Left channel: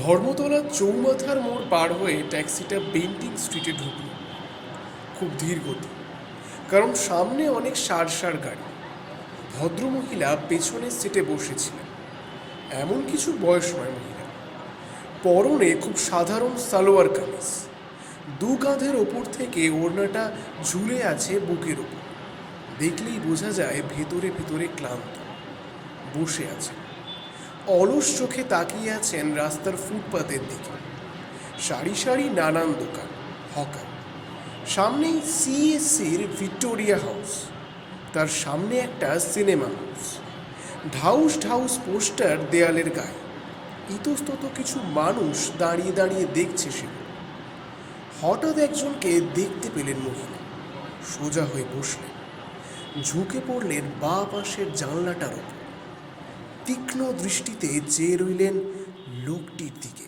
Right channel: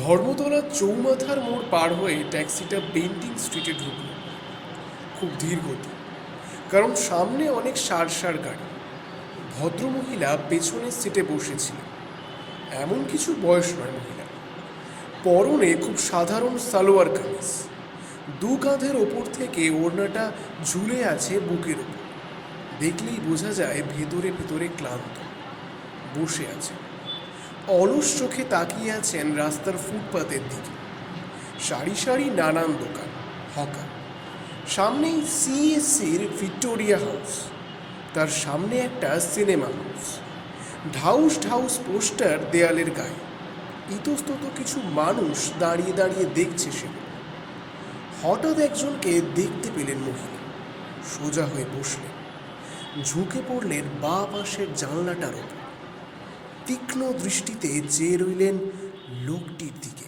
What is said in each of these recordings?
ধর্মতলার চৌমাথার মোড় পার হয়ে ট্যাক্সিটা বেন্টিং স্ট্রিটে ঢুকল। খুব ধীর গতি, কারণ সামনে অনেক সার সার গাড়ি। ভদ্রমহিলা পেছনের সিটে বসেছিলেন। এমন কিছু বয়স নয় মহিলা, পরনে খুব সাধারণ সালোয়ার কামিজ, দু কাঁধের ওপর থেকে ওড়নাটা ঝুলে আছে বুকের উপর। দেখলেই বোঝা যায় ভেতরে ভেতরে ক্লান্ত। বসে আছে, অলস চোখে তাকিয়ে আছেন রাস্তার ফুটপাতের দিকে। সারি সারি নানান দোকান, হকার। সামনেই সিএসসির ভিক্টোরিয়া হাউস, তার সামনে একটা সিনেমা হাউস। ঢাউস ঢাউস পোস্টার দেয়ালের গায়ে। ইতস্তত কিছু মানুষ দাঁড়িয়ে দাঁড়িয়ে দেখছে সেগুলো। হঠাৎ একজনকে দেখতে পেলেন মহিলা। সোজা হয়ে বসলেন, ঝুঁকে পড়লেন বাঁ পাশের জানলাটার ওপর। তীক্ষ্ণ দৃষ্টিতে চেয়ে রইলেন লোকটির দিকে।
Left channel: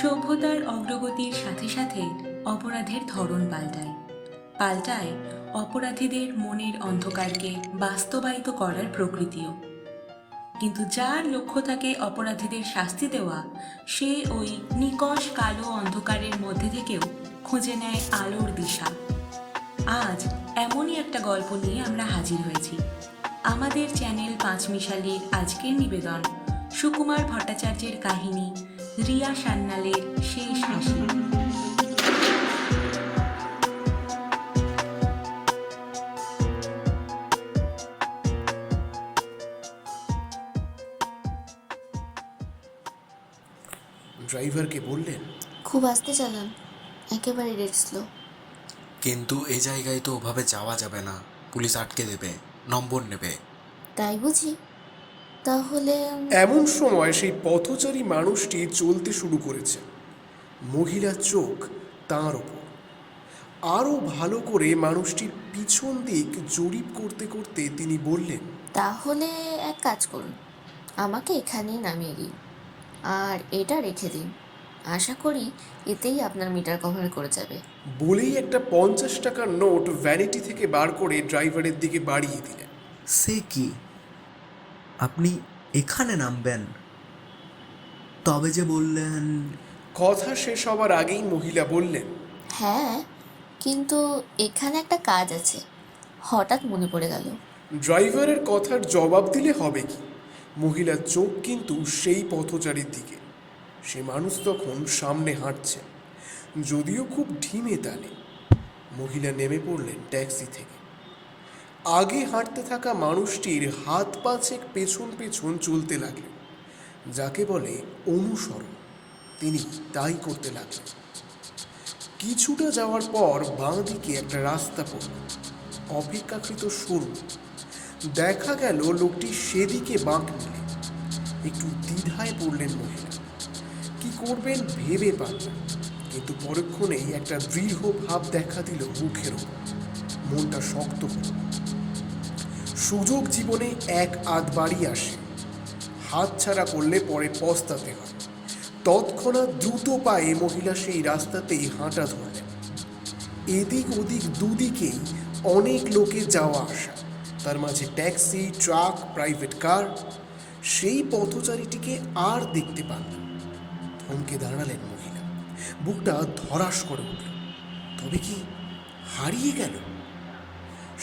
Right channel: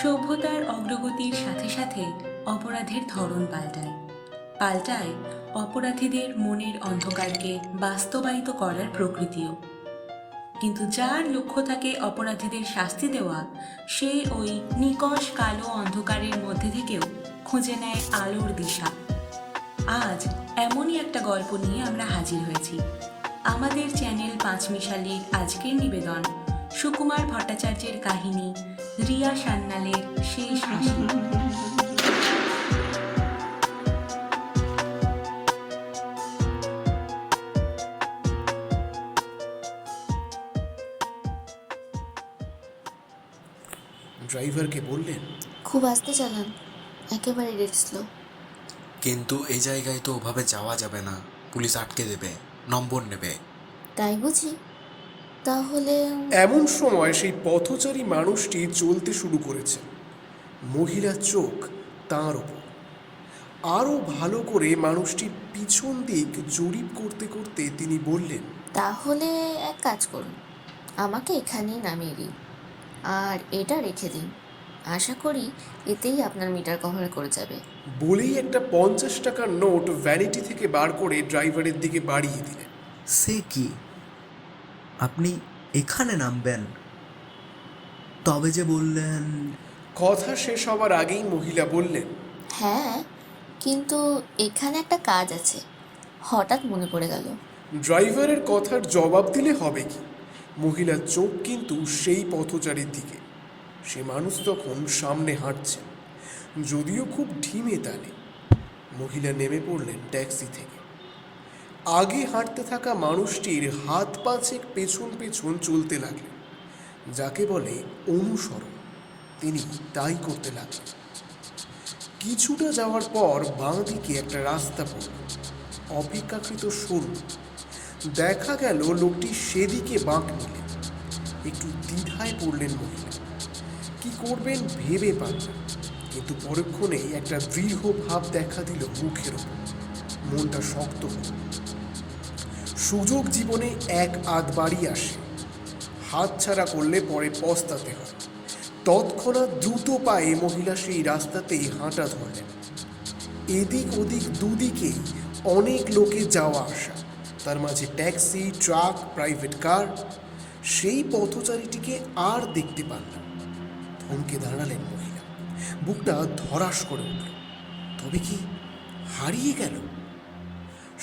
সভ্যতার অগ্রগতির সাথে সাথে অপরাধের ধরন পাল্টায় পাল্টায় অপরাধীদের মনের অন্ধকারকে বাস্তবায়িত করার প্রকৃতিও। কিন্তু যার লক্ষ্য থাকে অপরাধীদের শাস্তি দেওয়া, সে ওই নিকষ কালো অন্ধকারের মধ্যে থেকেও খুঁজে নেয় আলোর দিশা। আজ এমনই একটা গল্প নিয়ে আমরা হাজির হয়েছি। আমাদের চ্যানেল পাঁচমিশালির আজকের নিবেদন সুকুমার ভট্টাচার্যের কাহিনী রিয়া সান্যালের শেষ হাসি। ড্রাইভারকে বললেন, খুব আস্তে চালান, একেবারে ডেড স্লো। কিন্তু এই জায়গায় তো ওভাবে যাওয়া যাবে না, পুলিশ আটকে দেবে, নম্বর নেবে। তাই বুঝি? তাহলে এমন সময় সেই পথচারী মানুষটি চলতে শুরু করেছে। মহিলার চোখ তাঁর ওপর। আরও ভালো করে মানুষটির পিছন দিক জরিপ করতে করতে তিনি বললেন, তাহলে এক কাজ করুন, আমাকে এখানেই নামিয়ে দিন আর এটা রেখে দিন। আশা করি এতেই আপনার মিটার কভার করে যাবে। বলেই একটা 50 টাকার নোট ভ্যানিটি থেকে বার করে ড্রাইভারের দিকে বাড়িয়ে দিলেন। সে কি, আপনি এখানে নামবেন? তবে যে বললেন। কথা শেষ হবার আগেই মহিলা বললেন, হ্যাঁ, কিন্তু এখানে একটা কাজ আছে, হঠাৎ মনে পড়ে গেল। ড্রাইভারের কথার জবাব দিলে হবে কি? মহিলার চোখ কিন্তু সেই পথচারীর দিকে। সে মানুষ তখন সামনে হাঁটছে, যদিও খুব ঢিমে তালে। মহিলা নেমে পড়লেন ট্যাক্সি থেকে। আগে হাঁটতে থাকা মানুষটির হাত পাঁচেক পেছন পেছন চলতে লাগলেন, যাকে বলে অনুসরণ। তিনি তাই করতে লাগলেন। কিছুটা যাওয়ার পর বাঁ দিকে একটা রাস্তা পড়ল, অপেক্ষাকৃত সরু। দেখা গেল লোকটি সেদিকে বাঁক নিলেন। একটু দ্বিধায় পড়লেন মহিলা। কি করবেন ভেবে পান না, কিন্তু পরক্ষণেই একটা দৃঢ় ভাব দেখা দিল মুখের ওপর। মনটা শক্ত হল। সুযোগ জীবনে এক আধবারই আসে, হাত ছাড়া করলে পরে পস্তাতে হয়। তৎক্ষণাৎ দ্রুত পায়ে মহিলা সেই রাস্তাতেই হাঁটা ধরলেন। এদিক ওদিক দুদিকেই অনেক লোকে যাওয়া আসা, তার মাঝে ট্যাক্সি, ট্রাক, প্রাইভেট কার। সেই পথচারীটিকে আর দেখতে পান না। থমকে দাঁড়ালেন মহিলা। বুকটা ধরাস করে উঠল। তবে কি হারিয়ে গেল?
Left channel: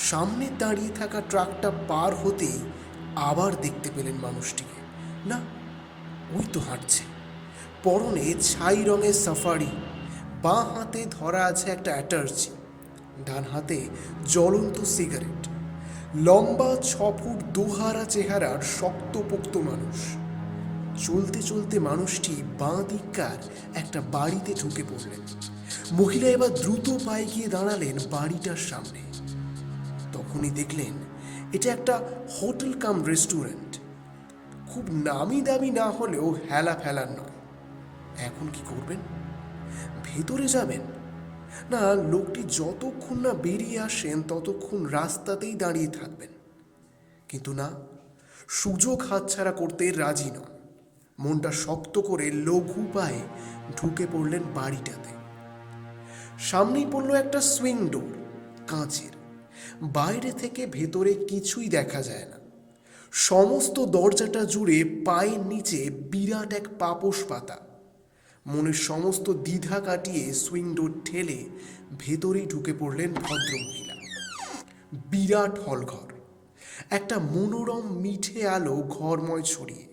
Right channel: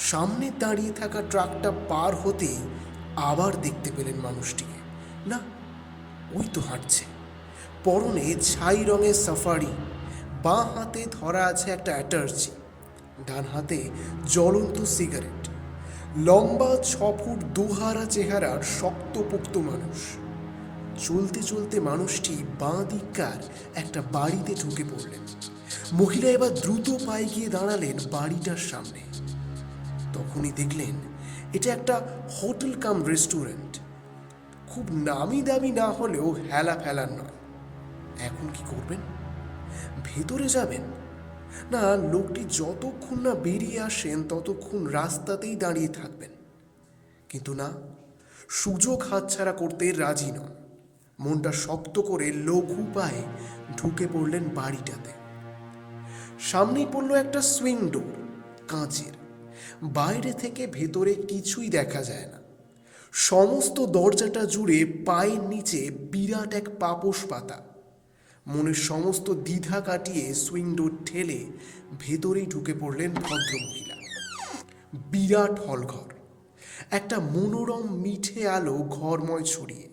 সামনে দাঁড়িয়ে থাকা ট্রাকটা পার হতেই আবার দেখতে পেলেন মানুষটিকে। না, ওই তো হাঁটছে, পরনে ছাই রঙের সাফারি। বাঁ হাতে ধরা আছে একটা অ্যাটার্জি, ডান হাতে জ্বলন্ত সিগারেট। লম্বা 6 ফুট দুহারা চেহারার শক্তপোক্ত মানুষ। চলতে চলতে মানুষটি বাঁ দিককার একটা বাড়িতে ঢুকে পড়লেন। মহিলা এবার দ্রুত পায়ে গিয়ে দাঁড়ালেন বাড়িটার সামনে। তখনই দেখলেন এটা একটা হোটেল কাম রেস্টুরেন্ট। খুব নামি দামি না হলেও হেলা ফেলার নয়। এখন কি করবেন? ভেতরে যাবেন, না লোকটি যতক্ষণ না বেরিয়ে আসেন ততক্ষণ রাস্তাতেই দাঁড়িয়ে থাকবেন? কিন্তু না, সুযোগ হাতছাড়া করতে রাজি নন। মনটা শক্ত করে লঘু পায়ে ঢুকে পড়লেন বাড়িটাতে। সামনেই পড়ল একটা সুইং ডোর, কাঁচের। বাইরে থেকে ভেতরে কিছুই দেখা যায় না। সমস্ত দরজাটা জুড়ে পায়ের নিচে বিরাট এক পাপোশ পাতা। মনের সমস্ত দ্বিধা কাটিয়ে সুইং ডোর ঠেলে ভেতরেই ঢুকে পড়লেন ভদ্রমহিলা। বিরাট হলঘর, একটা মনোরম মিঠে আলো ঘরময় ছড়িয়ে,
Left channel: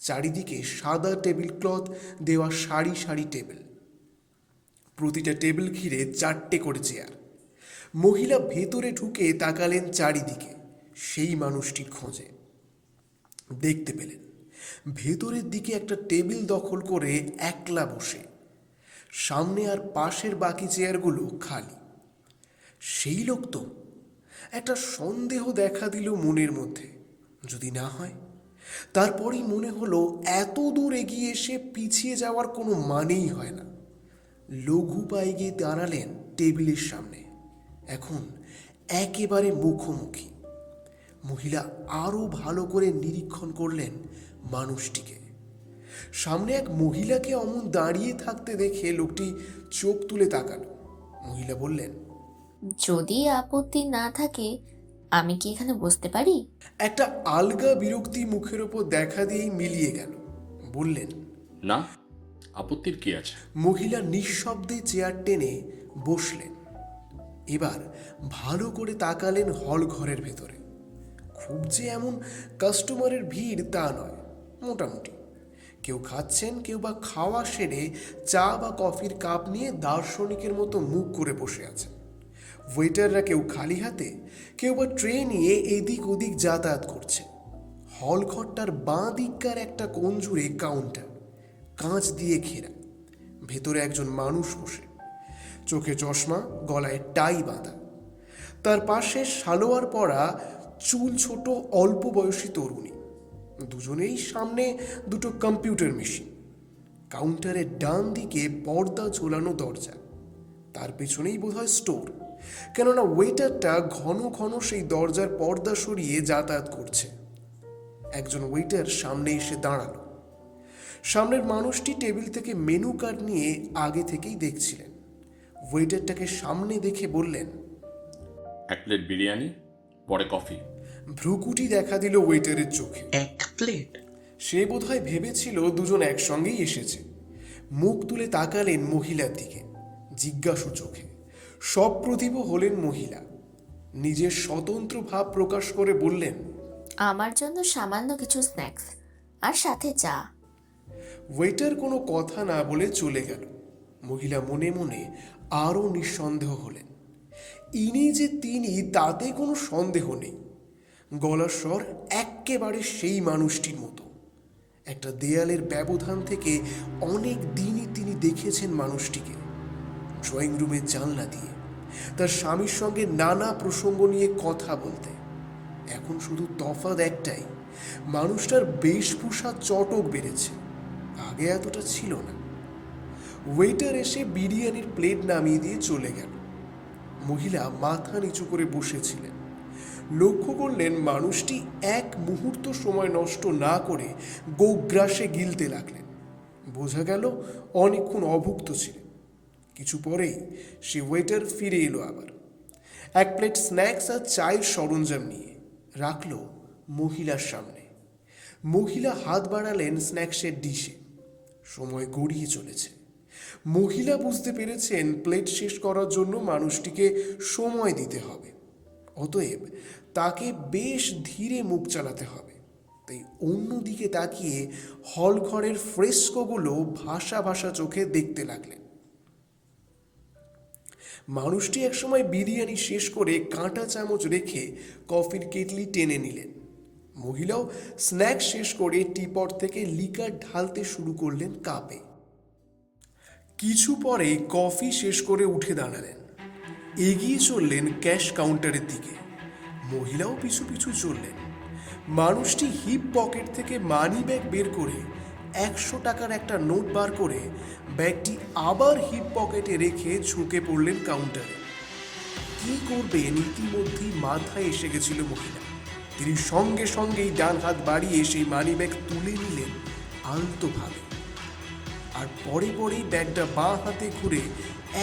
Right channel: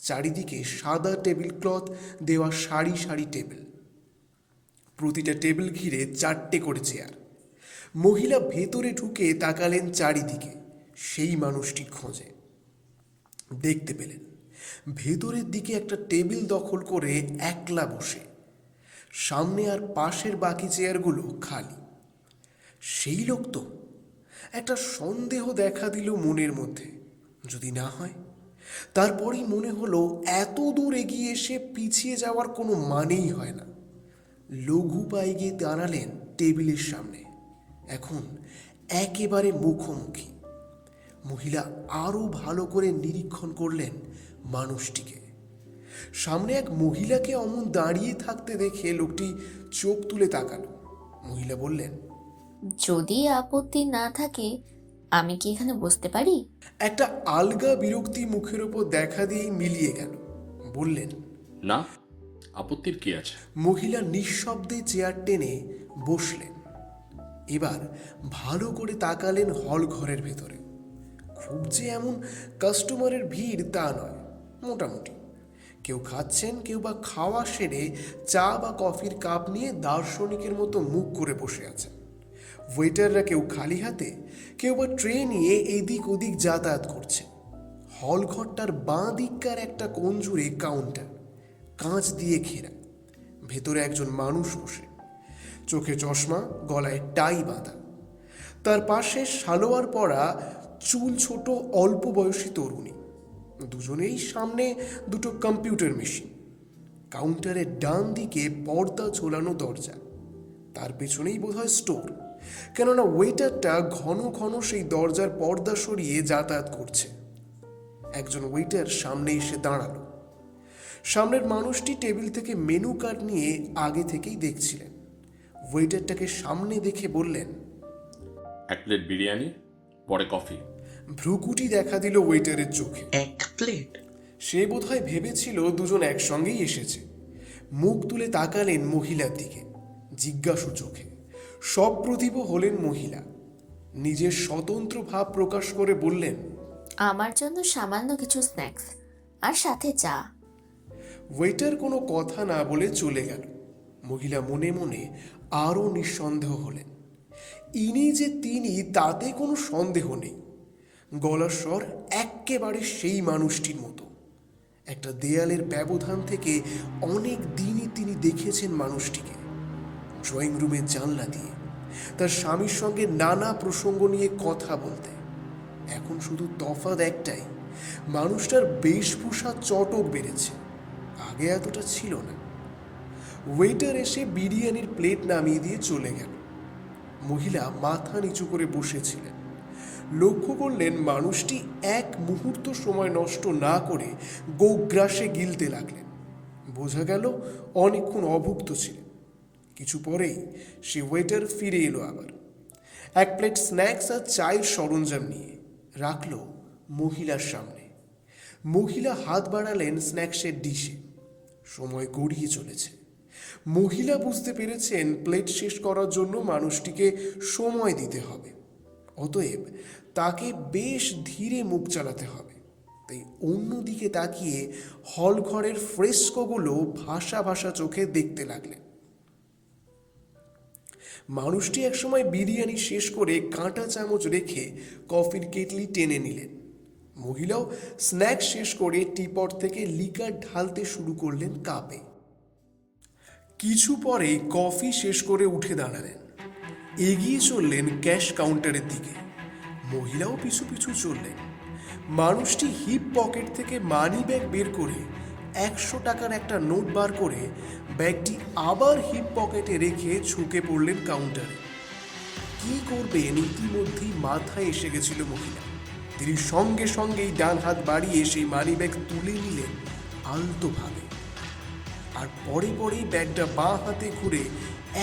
চারিদিকে সাদা টেবিল ক্লথ দেওয়া সারি সারি টেবিল, প্রতিটা টেবিল ঘিরে 4টে করে চেয়ার। মহিলা ভেতরে ঢুকে তাকালেন চারিদিকে সেই মানুষটির খোঁজে। দেখতে পেলেন ভেতরের দিকে একটা টেবিল দখল করে একলা বসে, সামনে আর পাশের বাকি চেয়ারগুলো খালি। সেই লোক তো। একটা সন্দেহ দেখা দিল মনের মধ্যে, যদি না হয়। তারপরই মনে হলো এত দূর এগিয়ে এসে পিছিয়ে যাওয়ার কোনো মানেই হয় না। লঘু পায়ে গিয়ে দাঁড়ালেন টেবিলের সামনে, এখন একেবারে মুখোমুখি। মহিলা আরো ভালো করে নিরীক্ষণ করলেন মানুষটিকে। সামনে এক মহিলাকে অমন দাঁড়িয়ে থাকতে দেখে লোকটি চোখ তুলে তাকালো। মহিলা বললেন, যদি আপত্তি না থাকে আমি কি এখানে বসতে পারি? একটা আলগা বিরক্তি মুখের ওপর দেখা দিয়েই মিলিয়ে গেল। বললেন, না, আপত্তির কি আছে? মহিলা নিঃশব্দে চেয়ার টেনে বসলেন। এবার ভালো করে তাকালেন হল ঘরের ভেতরে। খুব যে এমন কাস্টমারের ভিড় তা নয়, মোটামুটি। কেউ খাচ্ছেন, কেউ বা খাওয়া সেরে চা বা কফির কাপ নিয়ে দার্শনিকের মতো মুখ করে বসে আছেন। ওয়েটাররা কেউ খালি হাতে, কেউ বা ট্রে নিয়ে এদিক ওদিক যাতায়াত করছে। হল ঘরটার বাঁ দিককার একটা কোণ জুড়ে কাউন্টার, কাঁচ দিয়ে ঘেরা। ভেতরে একজন মানুষ বসে, চোখে চশমা, গলায় টাই বাঁধা। তার পাশে সালোয়ার পরা, চুল ছোট, অল্প বয়সী তরুণী। দুজনেই সামনে দুটো কম্পিউটার মেশিন। কাউন্টারের ডান দিকে পর্দা ঝোলানো দরজা, তার পেছনেই বোধহয় স্টোর, কেননা ওয়েটারটা ঘন ঘন সেই দরজার পর্দা সরিয়ে যাতায়াত করছে। একজন ওয়েটার সামনে এসে দাঁড়ালো। সামনের মানুষটি টেবিল থেকে মেনু কার্ড নিয়ে আগে থেকেই দেখছিলেন। ওয়েটারটাকে সামনে দেখে বললেন, 1 প্লেট বিরিয়ানি, পরে কফি। ভ্রুকুটি দেখা দিল ওয়েটারের চোখে। 1 প্লেট? সে বোধহয় ভেবেছিল দুজন একসঙ্গেই এসেছে। মুখ তুলে তাকালেন মহিলার দিকে, জিজ্ঞাসু চোখে। সপ্রতিভ হলেন মহিলা। নিজের স্বতন্ত্র ভাব প্রকাশ করে বললেন, আমার জন্য সামান্য কিছু স্ন্যাক্স আর সাথে চা। ওয়েটার কোনো কথা না বলে চলে গেল। মহিলা মনে মনে আরো নিঃসন্দেহ হলেন। ইনি যে তিনি তাতে কোনো সন্দেহ নেই। গলার স্বর এক্কেবারে সেই মানুষটির মতো। একটা দেয়ালের ব্যবধান থেকে অনেক দিনই তিনি দেখেছেন মানুষটিকে, ড্রয়িং রুমের জানলা দিয়ে তার স্বামীর সঙ্গে নানা প্রসঙ্গ নিয়ে কথা বলতে। এখন শুধু তফাৎ একটাই, মানুষটার বেশভূষা চটক বেড়েছে, আগে এতটা ছিল না। ওয়েটার এসে বিরিয়ানির প্লেট নামিয়ে দিয়ে চলে গেল। মহিলা মাথা নিচু করে বসেছিলেন। লক্ষ্য করলেন মানুষটি এক মুহূর্ত সময় নষ্ট না করে গোগ্রাসে গিলতে লাগলেন। বোঝা গেল অনেকক্ষণ অভুক্ত ছিলেন। কিছু পরেই সে ওয়েটার ফিরে এলো আবার, 1 প্লেট স্ন্যাক্স আর চায়ের সরঞ্জাম নিয়ে রাখলো মহিলার সামনে। মহিলা হাত বাড়ালেন স্ন্যাক্সের ডিশে। সময় গড়িয়ে চলেছে। মহিলা বুঝতে পেরেছেন প্লেট শেষ করার জন্য মানুষটিকে সময় দিতে হবে, অতএব তাকে বেশ ধীরে মুখ চালাতে হবে। তাই অন্যদিকে তাকিয়ে হল ঘরের ফ্রেস্কোগুলো ভাসা ভাসা চোখে দেখতে লাগলেন। মানুষটি একসময় বিরিয়ানি শেষ করে কাঁটা চামচ রেখে কফির কেটলি টেনে নিলেন। মহিলাও স্ন্যাক্স শেষ করে টিপট থেকে লিকার ঢালতে শুরু করলেন কাপে। কিছু পরে কফি শেষ করে উঠে দাঁড়ালেন, এগিয়ে চললেন ক্যাশ কাউন্টারের দিকে। মহিলাও পিছু পিছু চললেন। মানুষটি হিপ পকেট থেকে মানি ব্যাগ বের করে 100 টাকার একটা নোট বার করে ব্যাগটি আবার হিপ পকেটে রেখে ঝুঁকে পড়লেন কাউন্টারে। কি করবেন ইতিমধ্যেই মাথায় এসে গেছিল মহিলা। তিনি সঙ্গে সঙ্গেই ডান হাত বাড়িয়ে সেই মানি ব্যাগ তুলে নিলেন আলতোভাবে, আর পরে পরেই ব্যাগটা বাঁ হাতে ঘুরে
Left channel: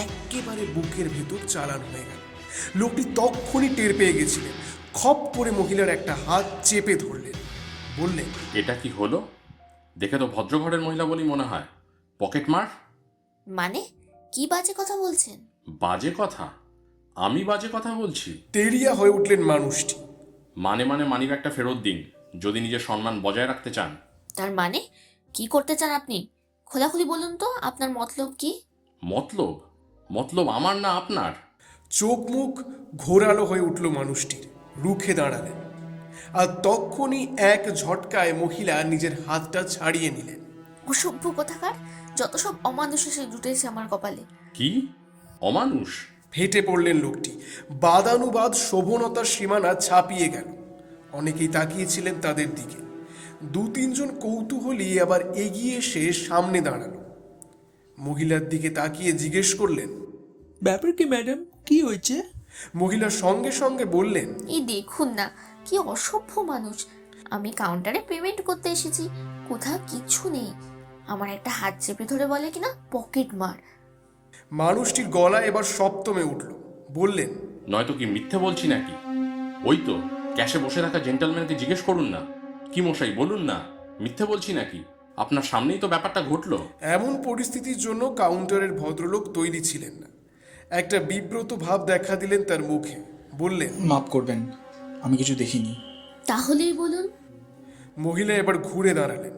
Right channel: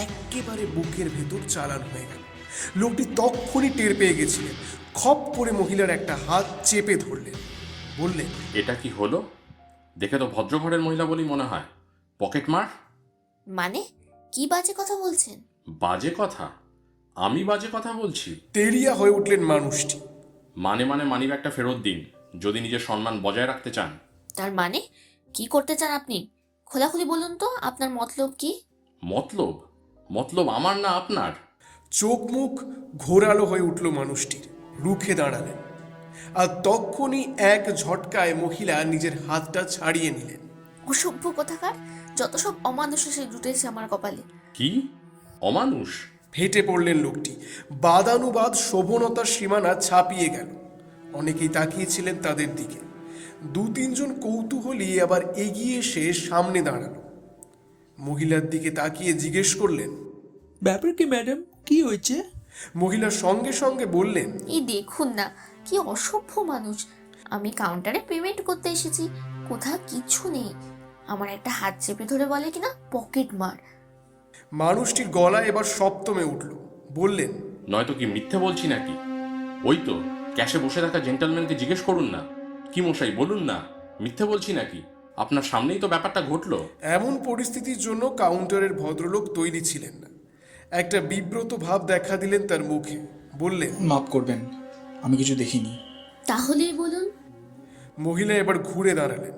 একেবারে বুকের ভেতর চালান হয়ে গেল। লোকটি তক্ষুনি টের পেয়ে গেছিলেন। খপ করে মহিলার একটা হাত চেপে ধরলেন, বললেন, এটা কি হলো? দেখে তো ভদ্রঘরের মহিলা বলেই মনে হয়। পকেট মার? মানে কি বাজে কথা বলছেন? বাজে কথা? আমি বাজে কথা বলছি? তেলিয়া হয়ে উঠলেন মানুষটি। মানে মানিব্যাগটা ফেরত দিন যদি নিজের সম্মান বজায় রাখতে চান। তার মানে কি করতে চান আপনি? খোলাখুলি বলুন তো, আপনার মতলব কি? মতলব? মতলব আমার না আপনার? চোখ মুখ ঘোরালো হয়ে উঠল মানুষটির, রুখে দাঁড়ালেন। আর তক্ষুনি এক ঝটকায় মহিলা নিজের হাতটা ছাড়িয়ে নিলেন। অসভ্য কোথাকার, যত সব অমানুষ এসে জুটেছে আমার কপালে। কি অমানুষ? ফেটে পড়লেন লোকটি। বাদানুবাদ শোভনতার সীমানা ছাপিয়ে গেল। অনেকেই তাকিয়েছিলেন তাদের দিকে। দু তিনজন কৌতূহলী আবার এগিয়ে এসে সামনে দাঁড়ালো। মহিলার দিকে তাকিয়ে জিজ্ঞেস করলেন। ব্যাপার কি ম্যাডাম, কি হয়েছে? মহিলা সঙ্গে সঙ্গে বললেন, এই দেখুন না, কি অসভ্য মানুষ। আমি কাউন্টারে পেমেন্ট করতে এসেছি, কোথাও কিচ্ছু নেই। আমার একটা হাত চেপে ধরে বলে কিনা পকেট মার। মানুষটির গলায় এবার সপ্তমে উঠল। বললেন, নয়তো কি মিথ্যে বলছি নাকি? ওই তো ক্যাশে বসে থাকা জেন্টলম্যানকে জিজ্ঞেস করুন না। কি মশাই বলুন না, মিথ্যে বলছি নাকি? আপনার সামনেই তো ব্যাপারটা ঘটলো। এমন পরিস্থিতির জন্য কাউন্টারের ভদ্রলোক তৈরি ছিলেন না। একটা বিব্রত ভাব দেখা দিলেন তার মুখে। বললেন, মাফ করবেন, আমি কিছু দেখিনি। তাহলেই বলুন। মহিলা এবার ঘুরে দাঁড়ালেন।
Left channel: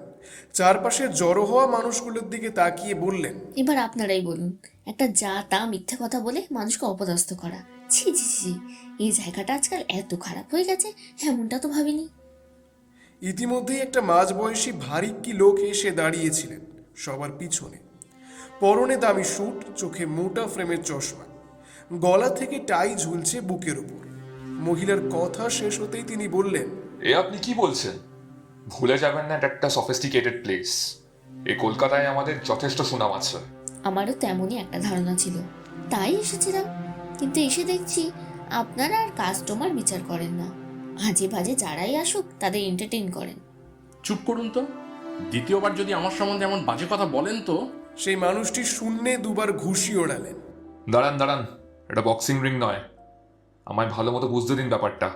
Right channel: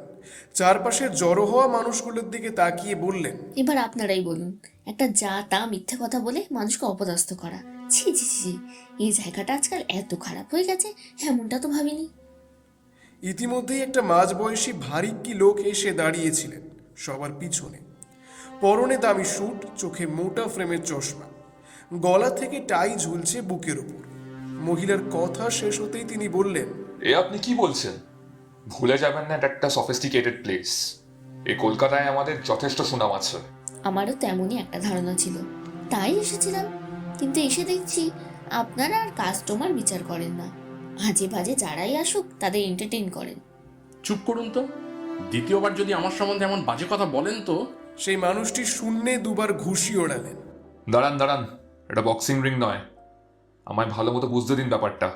চারপাশে জড়ো হওয়া মানুষগুলোর দিকে তাকিয়ে বললেন, এবার আপনারাই বলুন। একটা যা তা মিথ্যে কথা বলে মানুষকে অপদস্থ করা, ছি ছি ছি। এই জায়গাটা আজকাল এত খারাপ হয়ে গেছে, এমনটা তো ভাবিনি। ইতিমধ্যেই একটা মাঝবয়সী ভারিক্কি লোক এসে দাঁড়িয়েছিলেন সবার পিছনে। পরনে দামি স্যুট, চোখে মোটা ফ্রেমের চশমা, গলা থেকে টাই ঝুলছে বুকের উপর। মহিলার কথা শেষ হতেই তিনি বললেন, এ আপনি কি বলছেন? ভুলে যাবেন না, এটা একটা সফিস্টিকেটেড প্লেস। এই কলকাতায় আমাদের যথেষ্ট সুনাম আছে। আমারও তেমনই একটা ধারণা ছিল, তাই এসেছিলাম। কিন্তু এসে দেখছি আপনারা আর কাস্টমার বিচার করেন না, আজে বাজে যারাই আসুক তাদের এন্টারটেইন করেন। চুপ করুন তো। দ্বিতীয়বার যদি আমার সম্বন্ধে এমন বাজে কথা বলেন তো। সেই মানুষটি শূন্যে দুবার ঘুষি ওড়ালেন। দাঁড়ান, এটা বক্সিং রিং নয়। আমায় ভালো মতো বুঝতে দিন ব্যাপারটা।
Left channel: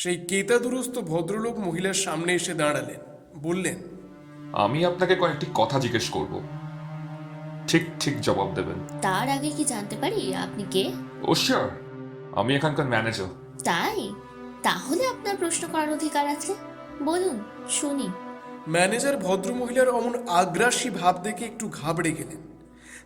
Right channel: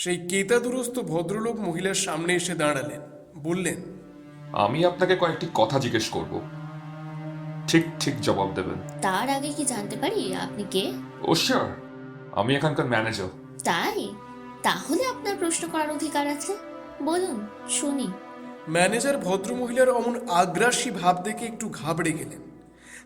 সেই কেতাদুরস্ত ভদ্রলোক মহিলার সামনে এসে দাঁড়ালেন। বললেন, আমি আপনাকে কয়েকটি কথা জিজ্ঞেস করব, ঠিক ঠিক জবাব দেবেন। তার আগে কি জানতে পারি আপনি কে? ও শিওর, আমি এখানকার ম্যানেজার। তাই? তাহলে আপনার প্রশ্ন করার অধিকার আছে, বলুন শুনি। ম্যানেজার ভদ্রমহিলার অমন আগ্রাসী ভাব দেখে একটু ঘাবড়ে গেলেন।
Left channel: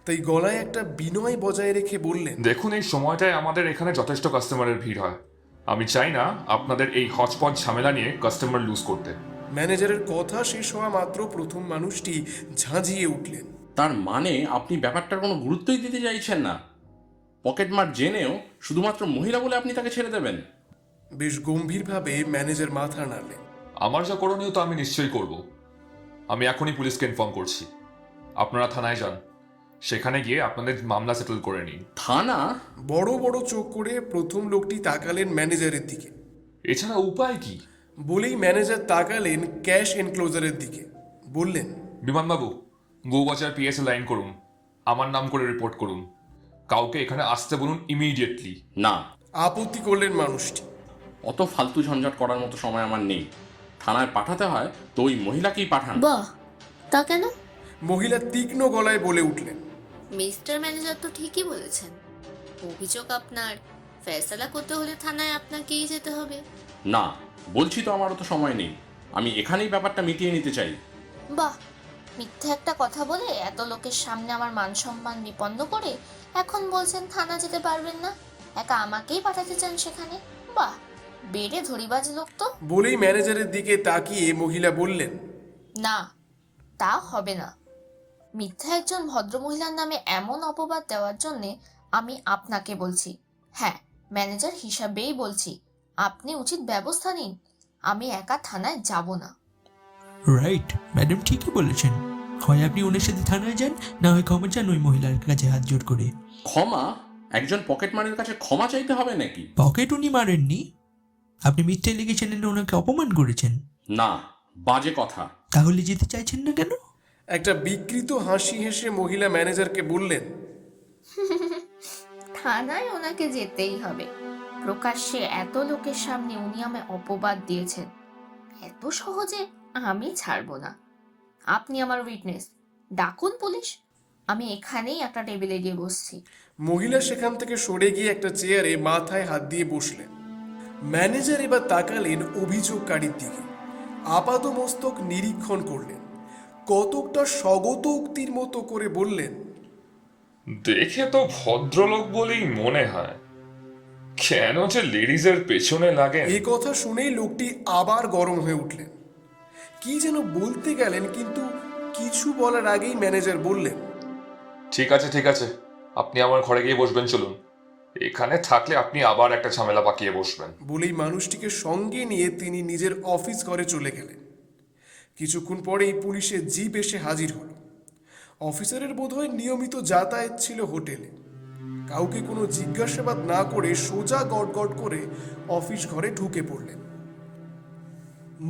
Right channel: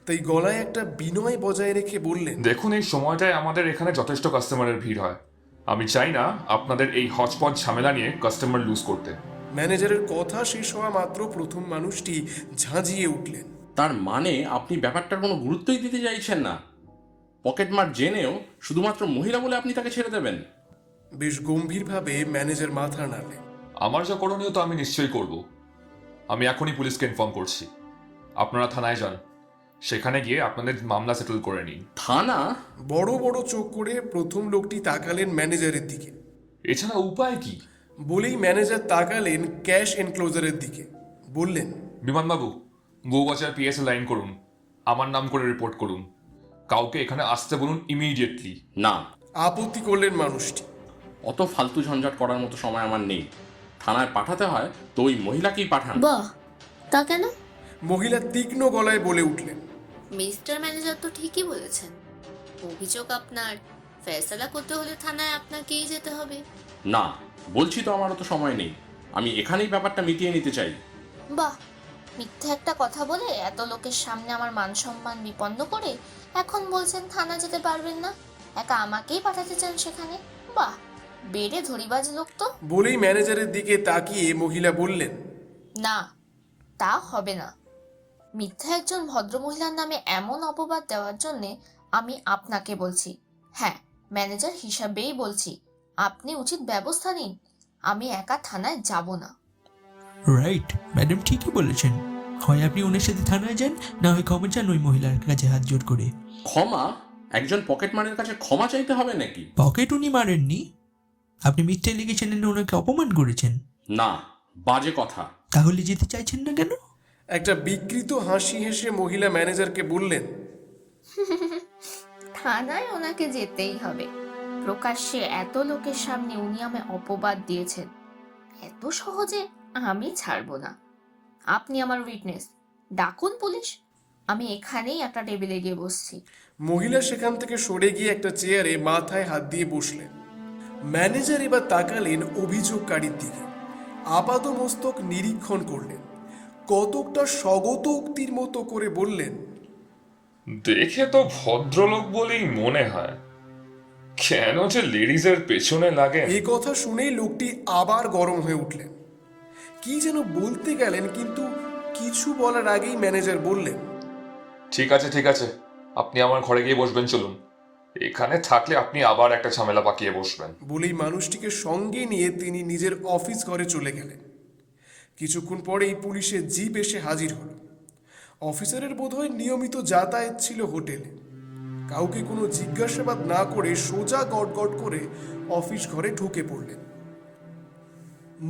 তাই গলায় একটা বিনয় বজায় রেখে বললেন, দেখুন, এই সময়টায় আমাদের এখানে যথেষ্ট কাস্টমারের ভিড় হয়। আমি চাই না আপনাদের এই হচপচ ঝামেলা নিয়ে কাস্টমার লুজ করতে। ম্যানেজারের কথা শেষ হওয়া মাত্র প্রথম মানুষটি ঝাঁঝিয়ে উঠলেন। তার মানে আপনি ব্যাপারটার কোনো গুরুত্বই দিতে চাইছেন না? পকেটমার জেনেও শুধুমাত্র মহিলা বলে আপনি তাকে ছেড়ে দেবেন? বেশ গম্ভীরভাবে ম্যানেজার মাথা নাড়লেন। আমার যা করণীয় তো আমি নিশ্চয়ই করব। আমি এখনই পুলিশকে ইনফর্ম করছি। আপনারা থানায় যান, সেখানে গিয়ে আপনাদের মামলা সেটেল করে নিন। থানা? বড় বড় চোখ করে প্রথম লোকটি তাকালেন ম্যানেজারের দিকে। এছাড়া উপায় কি? বলেই ম্যানেজার তাকালেন ক্যাশ এনক্লোজারের দিকে। বললেন, বিমানবাবু, বউবাজার পিএসএ লাইন করুন, আমার নাম করে রিপোর্ট করুন। কাউকে এখানে আসতে বলুন ইমিডিয়েটলি। না। আপত্তি করলেন মানুষটি। অত ফালতু ঝঞ্ঝাট করার মতো সময় আমার নেই। থানায় পাঠাতে হয় তো ওই মহিলাকেই পাঠান। বাহ, তা কেন? মহিলা তীক্ষ্ণ গলায় বলে উঠলেন, মিস্টার ম্যানেজার তো ঠিকই বলেছেন। অভিযোগ আপনার, ফয়সালা করতে হলে থানায় আপনাকেই যেতে হবে। না, বলছি তো আমারও তো সময় নেই। আমি এখানেই ব্যাপারটা মিটিয়ে নিতে চাই। বাহ, মিথ্যা একটা কথা বলে এত লোকের সামনে আমার মান সম্মান বিপন্ন করে এখন বলছেন থানা যেতে পারবেন না, একা আমাকেই পাঠাতে চান সেখানে? বাহ, বেড়ে ধরিবাজ লোক তো। বলেই ম্যানেজারের দিকে তাকিয়ে মহিলা বললেন, না, তা হবে না। মিথ্যা একজন ভদ্রমহিলার নামে এমন অপবাদ দেওয়ার জন্যে আমি আপনাকে বলছি। হ্যাঁ, ম্যানেজার হিসাবেই বলছি, আপনি উচিত ব্যবস্থা নিন। আমি একা থানায় যাব না। রাইট, ম্যাডাম ঠিকই বলেছেন। হয় আপনি ওনার সাথে থানায় যান, না হয় ক্ষমা চান ওই মহিলার কাছে হাত জোর করে। ক্ষমা? একজন পকেটমারের কাছে ক্ষমা চাইতে হবে নাকি? পকেট উনি মারেননি, আপনি মিথ্যে লিখেছেন, ওনাকে অপমান করেছেন। না, বাজে কথা। তাহলে যেতে চাইছেন না কেন? একটা বিকৃত হাসি হেসে মহিলা ম্যানেজারকে বললেন, থানায় ওনাকে যেতেই হবে। প্রকাশ্যে এত লোকের সামনে উনি আমায় অপবাদ দিয়েছেন, এত সহজে আমি ছাড়বো না। আপনি আমার উইটনেস, ডাকুন পুলিশ। আমি এখানেই একটা টেবিলে গিয়ে বসছি। মহিলা সেখান থেকে সরে গিয়ে একটা চেয়ারে মাথায় হাত দিয়ে বসলেন। ম্যানেজার এবার তাকালেন অভিযোগকারীর দিকে, আপাদমস্তক নিরীক্ষণ করলেন, কতকটা স্বগত উক্তির মতো করে বললেন, দেখে তো ভদ্রলোক বলেই মনে হয়, কেন যে লেডিজের পেছনে লাগেন। এই কথা শুনেই লোকটি আবার গরম হয়ে উঠলেন। কি যেন বলতে গেলেন, কিন্তু কিছু বলার আগেই ম্যানেজার বললেন, ঠিক আছে ঠিক আছে, আপনি আমার ঘরে গিয়ে বসবেন, চলুন। এখানে থাকলে আপনি আবার একটা ঝামেলা পাকিয়ে বসবেন। বলেই মানুষটিকে সঙ্গে নিয়ে তিনি নিজের অফিস ঘরে চলে গেলেন। কিছুক্ষণ পরেই পুলিশের জিপ এসে হাজির হলো। অফিসারের বোধহয় নিয়মিত যাতায়াত ছিল হোটেলে। কাউকে কোনো জিজ্ঞাসাবাদ না করে সোজা গটগট করে অফিস ঘরে ঢুকে পড়লেন।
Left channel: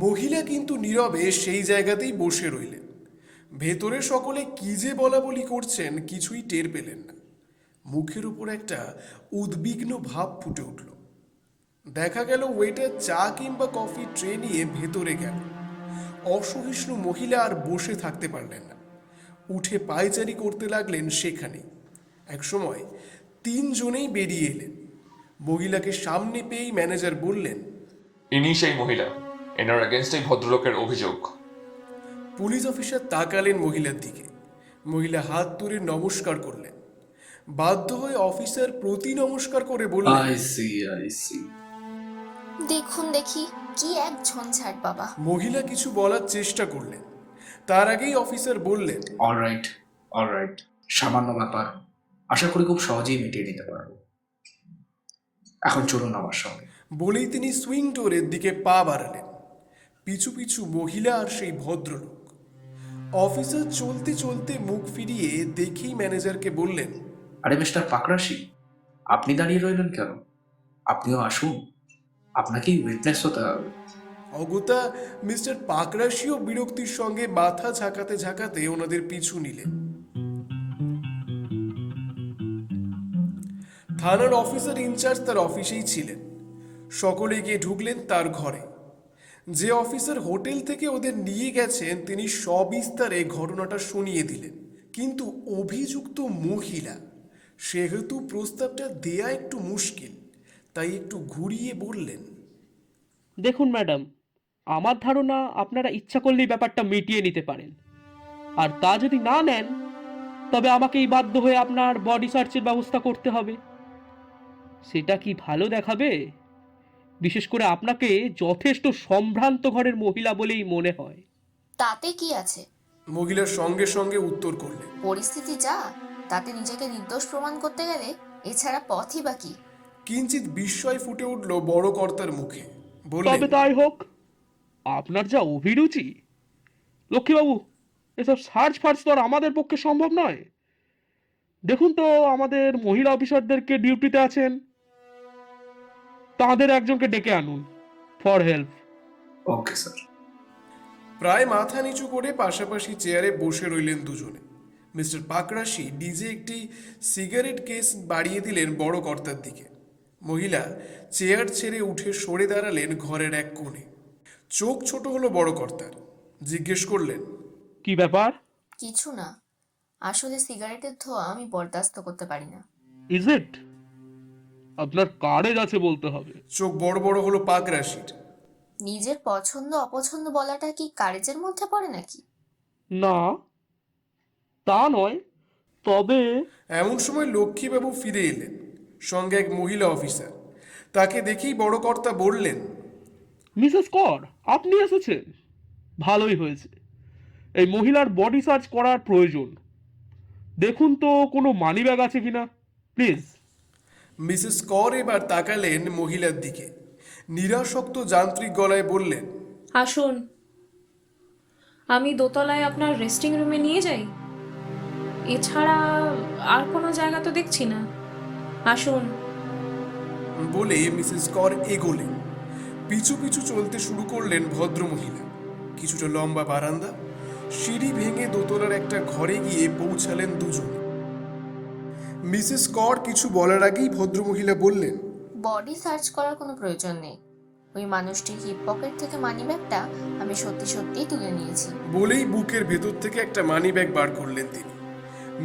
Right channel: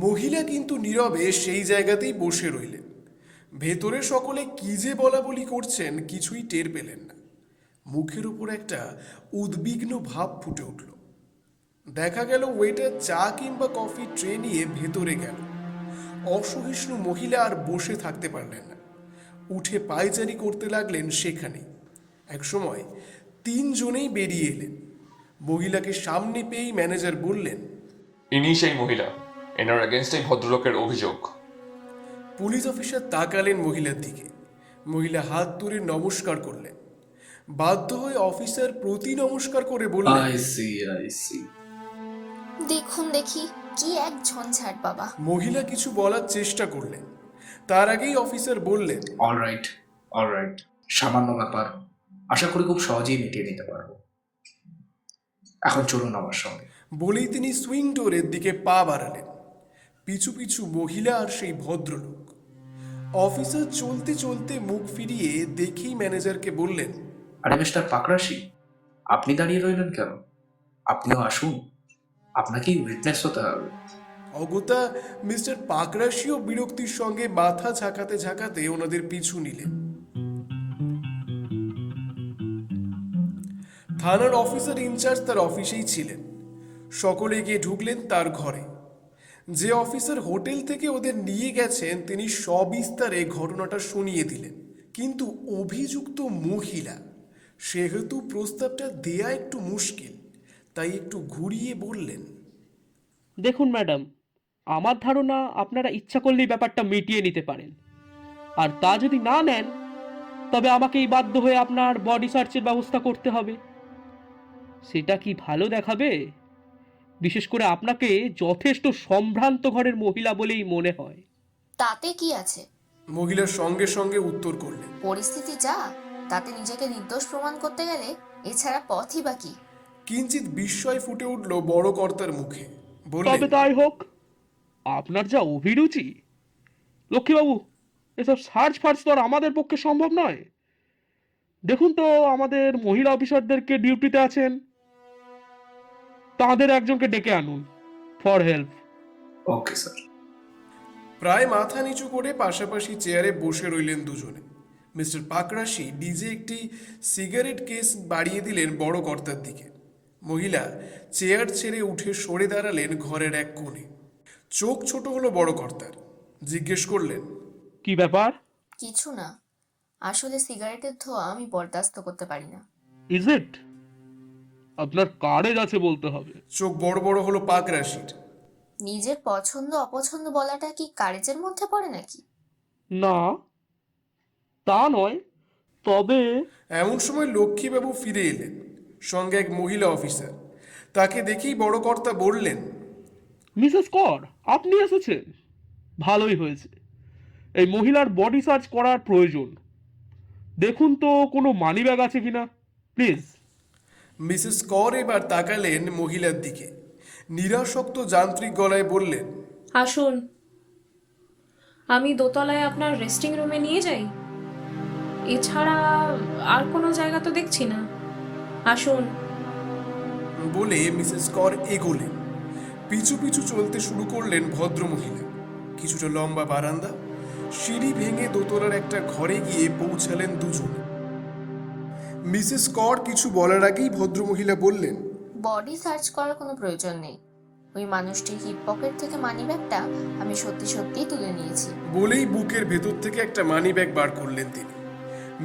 মহিলা কিন্তু নীরবে সেই জায়গাতেই বসে রইলেন। ভেতরে সকলে কি যে বলা বলি করছেন কিছুই টের পেলেন না। মুখের উপর একটা উদ্বিগ্ন ভাব ফুটে উঠল। দেখা গেল ওয়েটার চা কিংবা কফি ট্রে নিয়ে ভেতরে গেল। অসহিষ্ণু মহিলা আর বসে থাকতে পারলেন না, উঠে পায়চারি করতে লাগলেন সেখানে। একসময় তিনজনেই বেরিয়ে এলেন। মহিলাকে সামনে পেয়েই ম্যানেজার বললেন, ইনি সেই মহিলা, এনার এগেনস্টেই ভদ্রলোকের অভিযোগ। পুলিশ অফিসার তাকালেন মহিলার দিকে। মহিলা হাত তুলে নমস্কার করলেন। বাধ্য হয়ে অফিসার প্রতি নমস্কার করে বললেন, আই সি। দেখুন দেখি কি এক ঝঞ্ঝাট বাবা। মহিলা কিছু বলার চেষ্টা করলেন, তার আগেই অফিসার বললেন, অলরাইট, সামান্য ব্যাপার, আশা করি খুব সহজেই মিটিয়ে নিতে পারবো। এখন চলুন আমার সঙ্গে। বলেই তিনি সুইং ডোরের দিকে পা বাড়ালেন। পিছু পিছু মহিলা আর সেই ভদ্রলোক। অফিসার চলতে চলতে মুখ ফিরিয়ে দেখেই ম্যানেজারকে বললেন, আরে মিস্টার পাকরাশি, আপনি দাঁড়িয়ে রইলেন কেন? আপনিও আসুন, আপনাকেই উইটনেস হতে হবে। অগত্যা মিস্টার পাকরাশিও বিরক্তির সঙ্গে মাথা ঝাঁকাতে ঝাঁকাতে ওনাদের পিছু নিলেন। থানার অফিসার ইনচার্জ তার অফিসেই ছিলেন। সকলে গিয়ে ঢুকলেন তার ঘরে। যে অফিসার হোটেল থেকে ওদের নিয়ে গেছেন তিনি সবিস্তারে ঘটনাটা শুনিয়ে দিলেন। কিন্তু অভিযুক্ত মহিলা, সেহেতু প্রস্তাবটা দেয়া একটু মুশকিল, তাই একটু ঘুরিয়ে বললেন, দেখুন ম্যাডাম, আমার ধারণা আপনারা ইচ্ছা করলেই ব্যাপারটা মিটিয়ে নিতে পারেন, আর তা যদি না নেন তবে আমাকেই বাধ্য হয়ে আপনার বডি সার্চের ব্যবস্থা করতে হবে। সেটা কি ভালো দেখাবে? বিশেষ করে আপনাকে যথেষ্ট সম্ভ্রান্ত ঘরের মহিলা বলেই মনে হয়। তাতে কি আছে? মহিলার সঙ্গে সঙ্গে উত্তর করলেন, পরিস্থিতি যা, তাতে নিজেকে নির্দোষ প্রমাণ করতে গেলে এছাড়া পথই বা কি? কিঞ্চিত বিস্ময় ফুটে উঠল বড় কর্তার মুখে। তবে বললেন, তাই হোক, আপনার যা অভিরুচি। লক্ষ্মীবাবু, এসব সার্চ ফার্চ তো আর আমাদের পক্ষে সম্ভব নয়। দেখুন তো, আমাদের মহিলা অফিসারদেরকে ডিউটিতে আছেন, তাদের একজনকে ডেকে আনুন ফর হেল্প। Okay sir. প্রায় মাথা নিচু করে পাশাপাশি চেয়ারে বসে রইলেন দুজনে। মিস্টার পাকরাশি নিজে একটি সিগারেট কেস বাড়িয়ে দিলেন বড় কর্তার দিকে। মহিলা চেয়ার ছেড়ে উঠে সরে দাঁড়ালেন ঘরের এক কোণে। চোখ ছোট হলো বড় কর্তার। জিজ্ঞেস করলেন, কি ব্যাপার? কিছু না, আসলে সিগারেটের ধোঁয়া আমি বরদাস্ত করতে পারি না। Is it? আপনার কারেজ আছে বলতে হবে। চোখ বড় বড় হলো পাকরাশির। নিজের পছন্দ অপছন্দ বলাটা কি কারেজের মধ্যে পড়ে নাকি? না, তা নয়, তবে এমন সময় লক্ষ্মীবাবু ফিরে এলেন, সঙ্গে এক মহিলা অফিসার। তাকে দেখেই বড় কর্তা বললেন, মিসেস কর, আপনি এসেছেন, ভালোই হয়েছে। এই মহিলার বডি সার্চ করার প্রয়োজন। দেখুন তো কোনো মানি ব্যাগ আছে কিনা, প্লিজ। মিসেস কর এবার তাকালেন মহিলার দিকে, নিরাসক্ত যান্ত্রিক গলায় বললেন, আসুন, আমি দোতলায় আপনার রেস্টিং রুমে নিয়ে যাই। এছাড়া আর কোনো জায়গা তো দেখছি না। আসুন। বলে মিসেস কর এগোলেন। পিছু পিছু চলতে শুরু করলেন ভদ্র মহিলা। কিছুটা লম্বা বারান্দা, সিঁড়ি ভেঙে দোতলার একটা ঘরে গিয়ে পৌঁছালেন দুজন। মিসেস কর কিছু বলার আগেই ভদ্রমহিলা বললেন, বডি সার্চ করার কোনো প্রয়োজন নেই। ওই মানুষটির হিপ পকেট থেকে মানিব্যাগটা আমি সত্যি সত্যিই তুলে নিয়েছি। বলেই বুকের ভেতর থেকে একটা মানি ব্যাগ বার করলেন তিনি।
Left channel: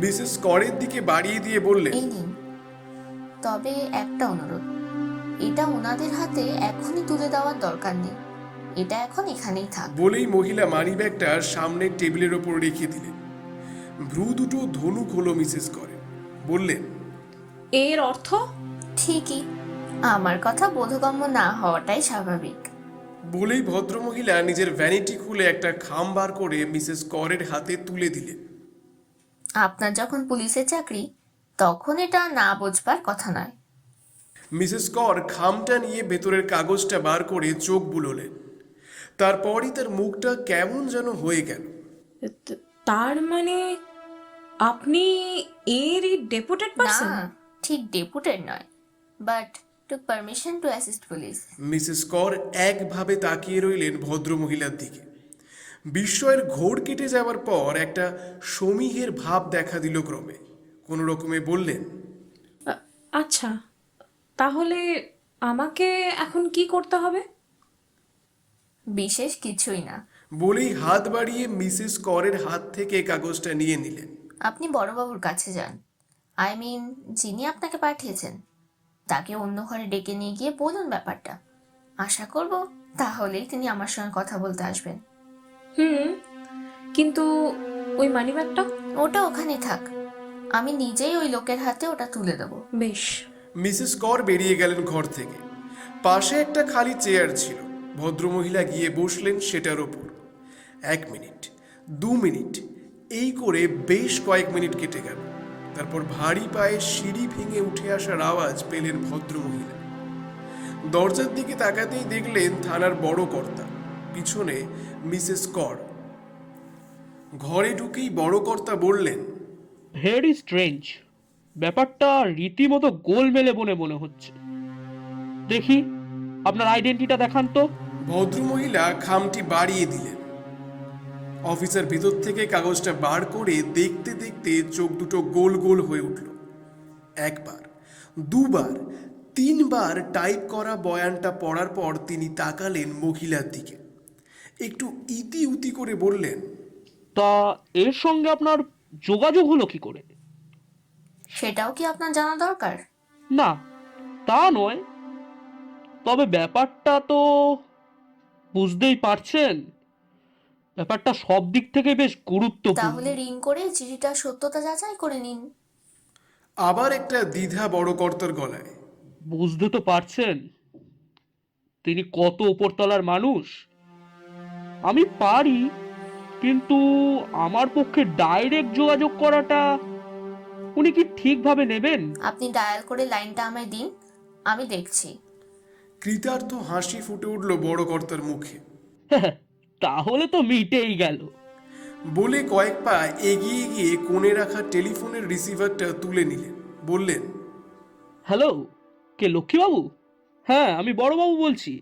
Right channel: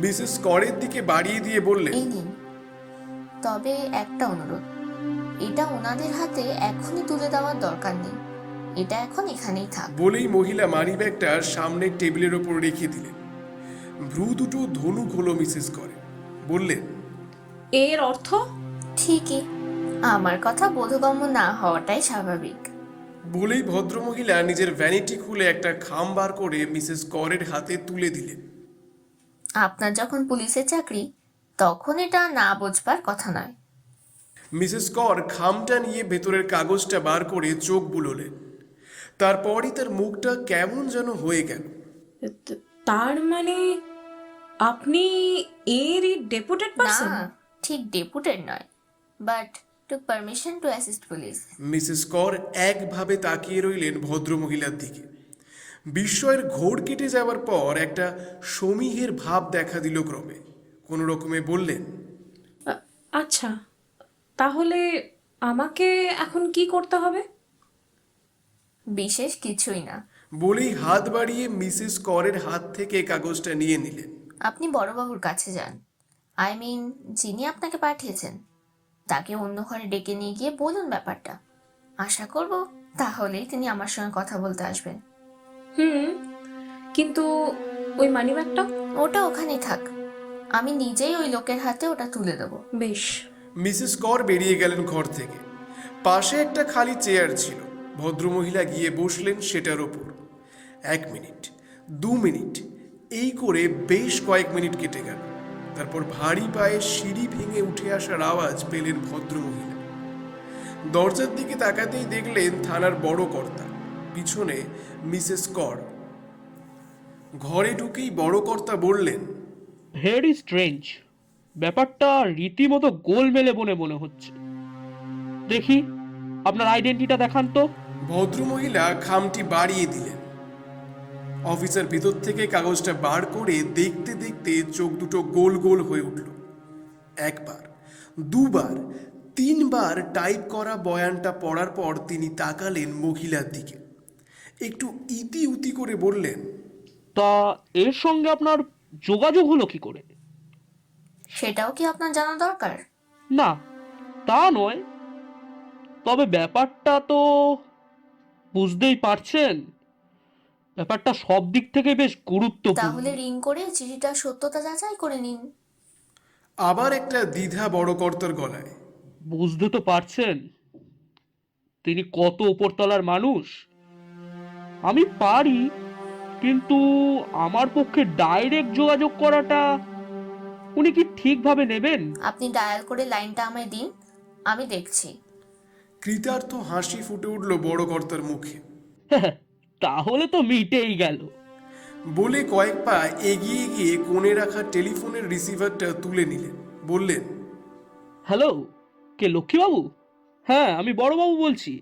মিসেস করের দিকে বাড়িয়ে দিয়ে বললেন, এই নিন। তবে একটা অনুরোধ, এটা ওনাদের হাতে এখনই তুলে দেওয়ার দরকার নেই, এটা এখন এখানেই থাক। বলেই মহিলা মানি ব্যাগটা সামনের টেবিলের ওপর রেখে দিলেন। ভ্রু দুটো ধনুক হলো মিসেস করে। বললেন, এর অর্থ? ঠিকই, আমার কথা বোধগম্য না হওয়াটাই স্বাভাবিক। বলেই ভদ্রমহিলা নিজের ভ্যানিটি খুলে একটা খাম বার করে মিসেস করের হাতে তুলে দিলেন। আপনার যখন পুলিশের চাকরি, তখন এটা না বোঝবার কথা নয়। মিসেস কর খামটা নিয়ে ভেতরের কাগজটা বার করে চোখ বুলোলেন। তারপরই তার মুখটা কেমন যেন হয়ে গেল। তার মানে আপনি এরই ডেপুটেড না, পারসন? ঠিক ডেপুটেড নয়, but took permission to assist police. Mrs কর একভাবে তাকিয়ে রইলেন ভদ্রমহিলার দিকে। বিস্ময়ের ঘোর কেটে যাওয়ার পর একটা সমীহের ভাব দেখা দিল ক্রমে। কোনো রকমে বললেন, আচ্ছা, তাহলে আমাকে এখন কি করতে হবে? বিশেষ কিছুই না। বলেই হাত বাড়িয়ে মিসেস করের হাত থেকে কাগজটা নিয়ে নিলেন। আপনি বড়বাবুর কাছে যান, আই মিন যিনি আপনাকে পাঠিয়েছেন, তাকে অন্য ঘরে ডেকে নিয়ে গিয়ে বলুন ব্যাপারটা। আশা করব তাহলেই তিনি আমার সঙ্গে কথা বলতে আসবেন। কিন্তু ওই মানিব্যাগটা? ওটা ওখানেই থাক, আমি নিজেই ওই লোকের হাতে ওটা তুলে দেবো। বেশ। মিসেস কর বেরিয়ে গেলেন ঘর থেকে। পাশে একটা খালি চেয়ার ছিল। ভদ্রমহিলা গিয়ে বসলেন সেটার ওপর। 1 মিনিট, 2 মিনিট, এই করে বেশ কয়েক মিনিট কেটে গেল। তারপর ভারী পায়ে সিঁড়ি ভেঙে উঠে আসার আওয়াজ পেলেন ভদ্রমহিলা। দরজার দিকে তাকাতেই দেখলেন থানার বড় কর্তা, পিছনে মিসেস কর। ঘরে ঢুকেই বড় কর্তা বললেন, ভেরি স্ট্রেঞ্জ, ব্যাপারটা রীতিমতো গোলমেলে বনে মনে হচ্ছে। দেখি আপনার আইডেন্টিটা দেখান তো। ভদ্রমহিলা খামটি বাড়িয়ে দিলেন। অফিসার ভিতর থেকে কাগজটা বার করে দেখতে দেখতে চোখ দুটো গোল গোল হয়ে উঠল। 1 বার, 2 বার, 3 বার টাইপ করা বয়ানটা পড়ার পর তিনি তাকালেন মহিলার দিকে। একটু ইতি উতি করে বললেন, তা এর সঙ্গে আপনার যোগাযোগ হলো কি করে? সেটাও কি আপনার জানা দরকার? না, তা নয়, তবে ব্যাপারটা তো বুঝতেই পারছেন, ব্যাপারটা সব দিক থেকে বেশ গুরুত্বপূর্ণ। তাহলে রিং করে চিঠিটার সত্যতা যাচাই করে নিন। আবার একটা দ্বিধা বড় কর্তার গলায়। বুঝতে তো পারছেন তিনি কত উপরতলার মানুষ। আমি পারি, কিন্তু আমার পক্ষে ডাইরেক্ট যোগাযোগ করাটা উনি কি ঠিকভাবে নেবেন? আপনি ডায়াল করে লাইনটা আমায় দিন, আমি দেখছি। কৃতার্থ হাসি ফুটে উঠল বড় কর্তার মুখে। তাহলে তো মিটেই গেল। বলে কয়েক পা এগিয়ে গিয়ে কোণে রাখা টেলিফোনের রিসিভারটা তুলে নিলেন। বললেন, হ্যালো, কে লক্ষ্মীবাবু? হ্যাঁ, আমি বড়বাবু বলছি।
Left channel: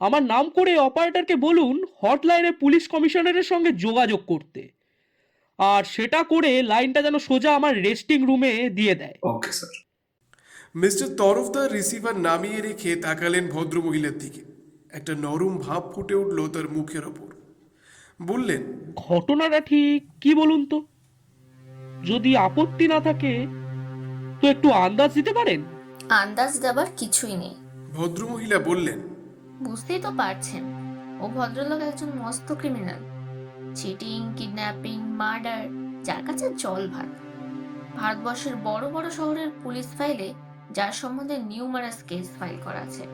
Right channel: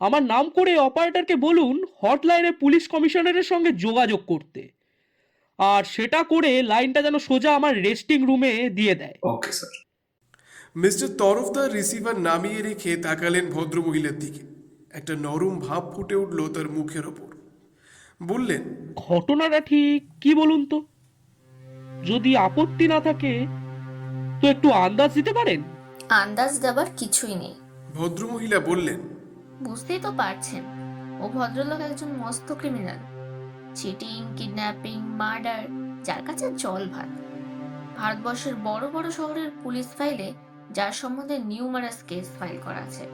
আমার নাম করে অপারেটরকে বলুন হটলাইনে পুলিশ কমিশনারের সঙ্গে যোগাযোগ করতে, আর সেটা করে লাইনটা যেন সোজা আমার রেস্টিং রুমে দিয়ে দেয়। Okay sir. Mister Tarafdar receiver নামিয়ে রেখে তাকালেন ভদ্রমহিলার দিকে। একটা নরম ভাব ফুটে উঠল তার মুখের ওপর। বললেন, ঘটনাটা ঠিক কি বলুন তো? যদি আপত্তি না থাকে তো একটু আন্দাজ দিতে পারেন? আন্দাজ দেবার কিছুই নেই। ভদ্রমহিলা বললেন, বুঝতেই তো পারছেন, ও ভদ্রলোক একজন মস্ত ক্রিমিনাল। চিটিং, কিডন্যাপিং, মার্ডার, যার কাছে জল ভাত। ভারতবর্ষের বড় বড় শহরের পুলিশ ফাইলে যার সম্বন্ধে নিউমারাস কেস ফাইল করা আছে,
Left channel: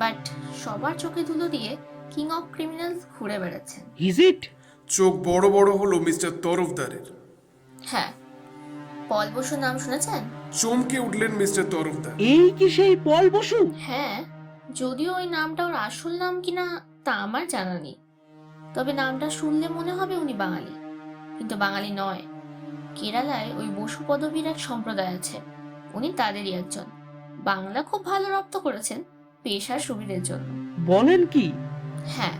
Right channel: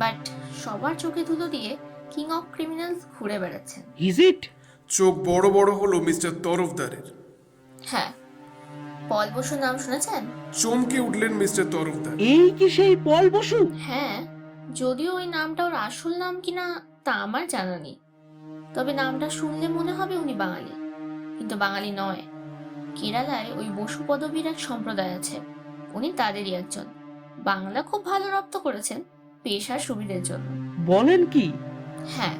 বাট সবার চোখে ধুলো দিয়ে কিং অফ ক্রিমিনালস ঘুরে বেড়াচ্ছেন। Is it? চোখ বড় বড় হলো মিস্টার তরফদারের। হ্যাঁ, পল বসু নাম শুনেছেন? চমকে উঠলেন মিস্টার তরফদার। এই কি সেই পল বসু? হ্যাঁ, যদিও ওই নামটা ওর আসল নাম কিনা তা আমার জানা নেই, তবে নামটা শুনলে মনে হবে উনি বাঙালি, কিন্তু বাঙালি নয়। কেরালায় ওই বসু পদবীর এক সম্প্রদায় আছে, উনি তাদেরই একজন। বাংলা খুব ভালো রপ্ত করেছেন পেশার সুবিধের জন্য। বলেন কি? হ্যাঁ,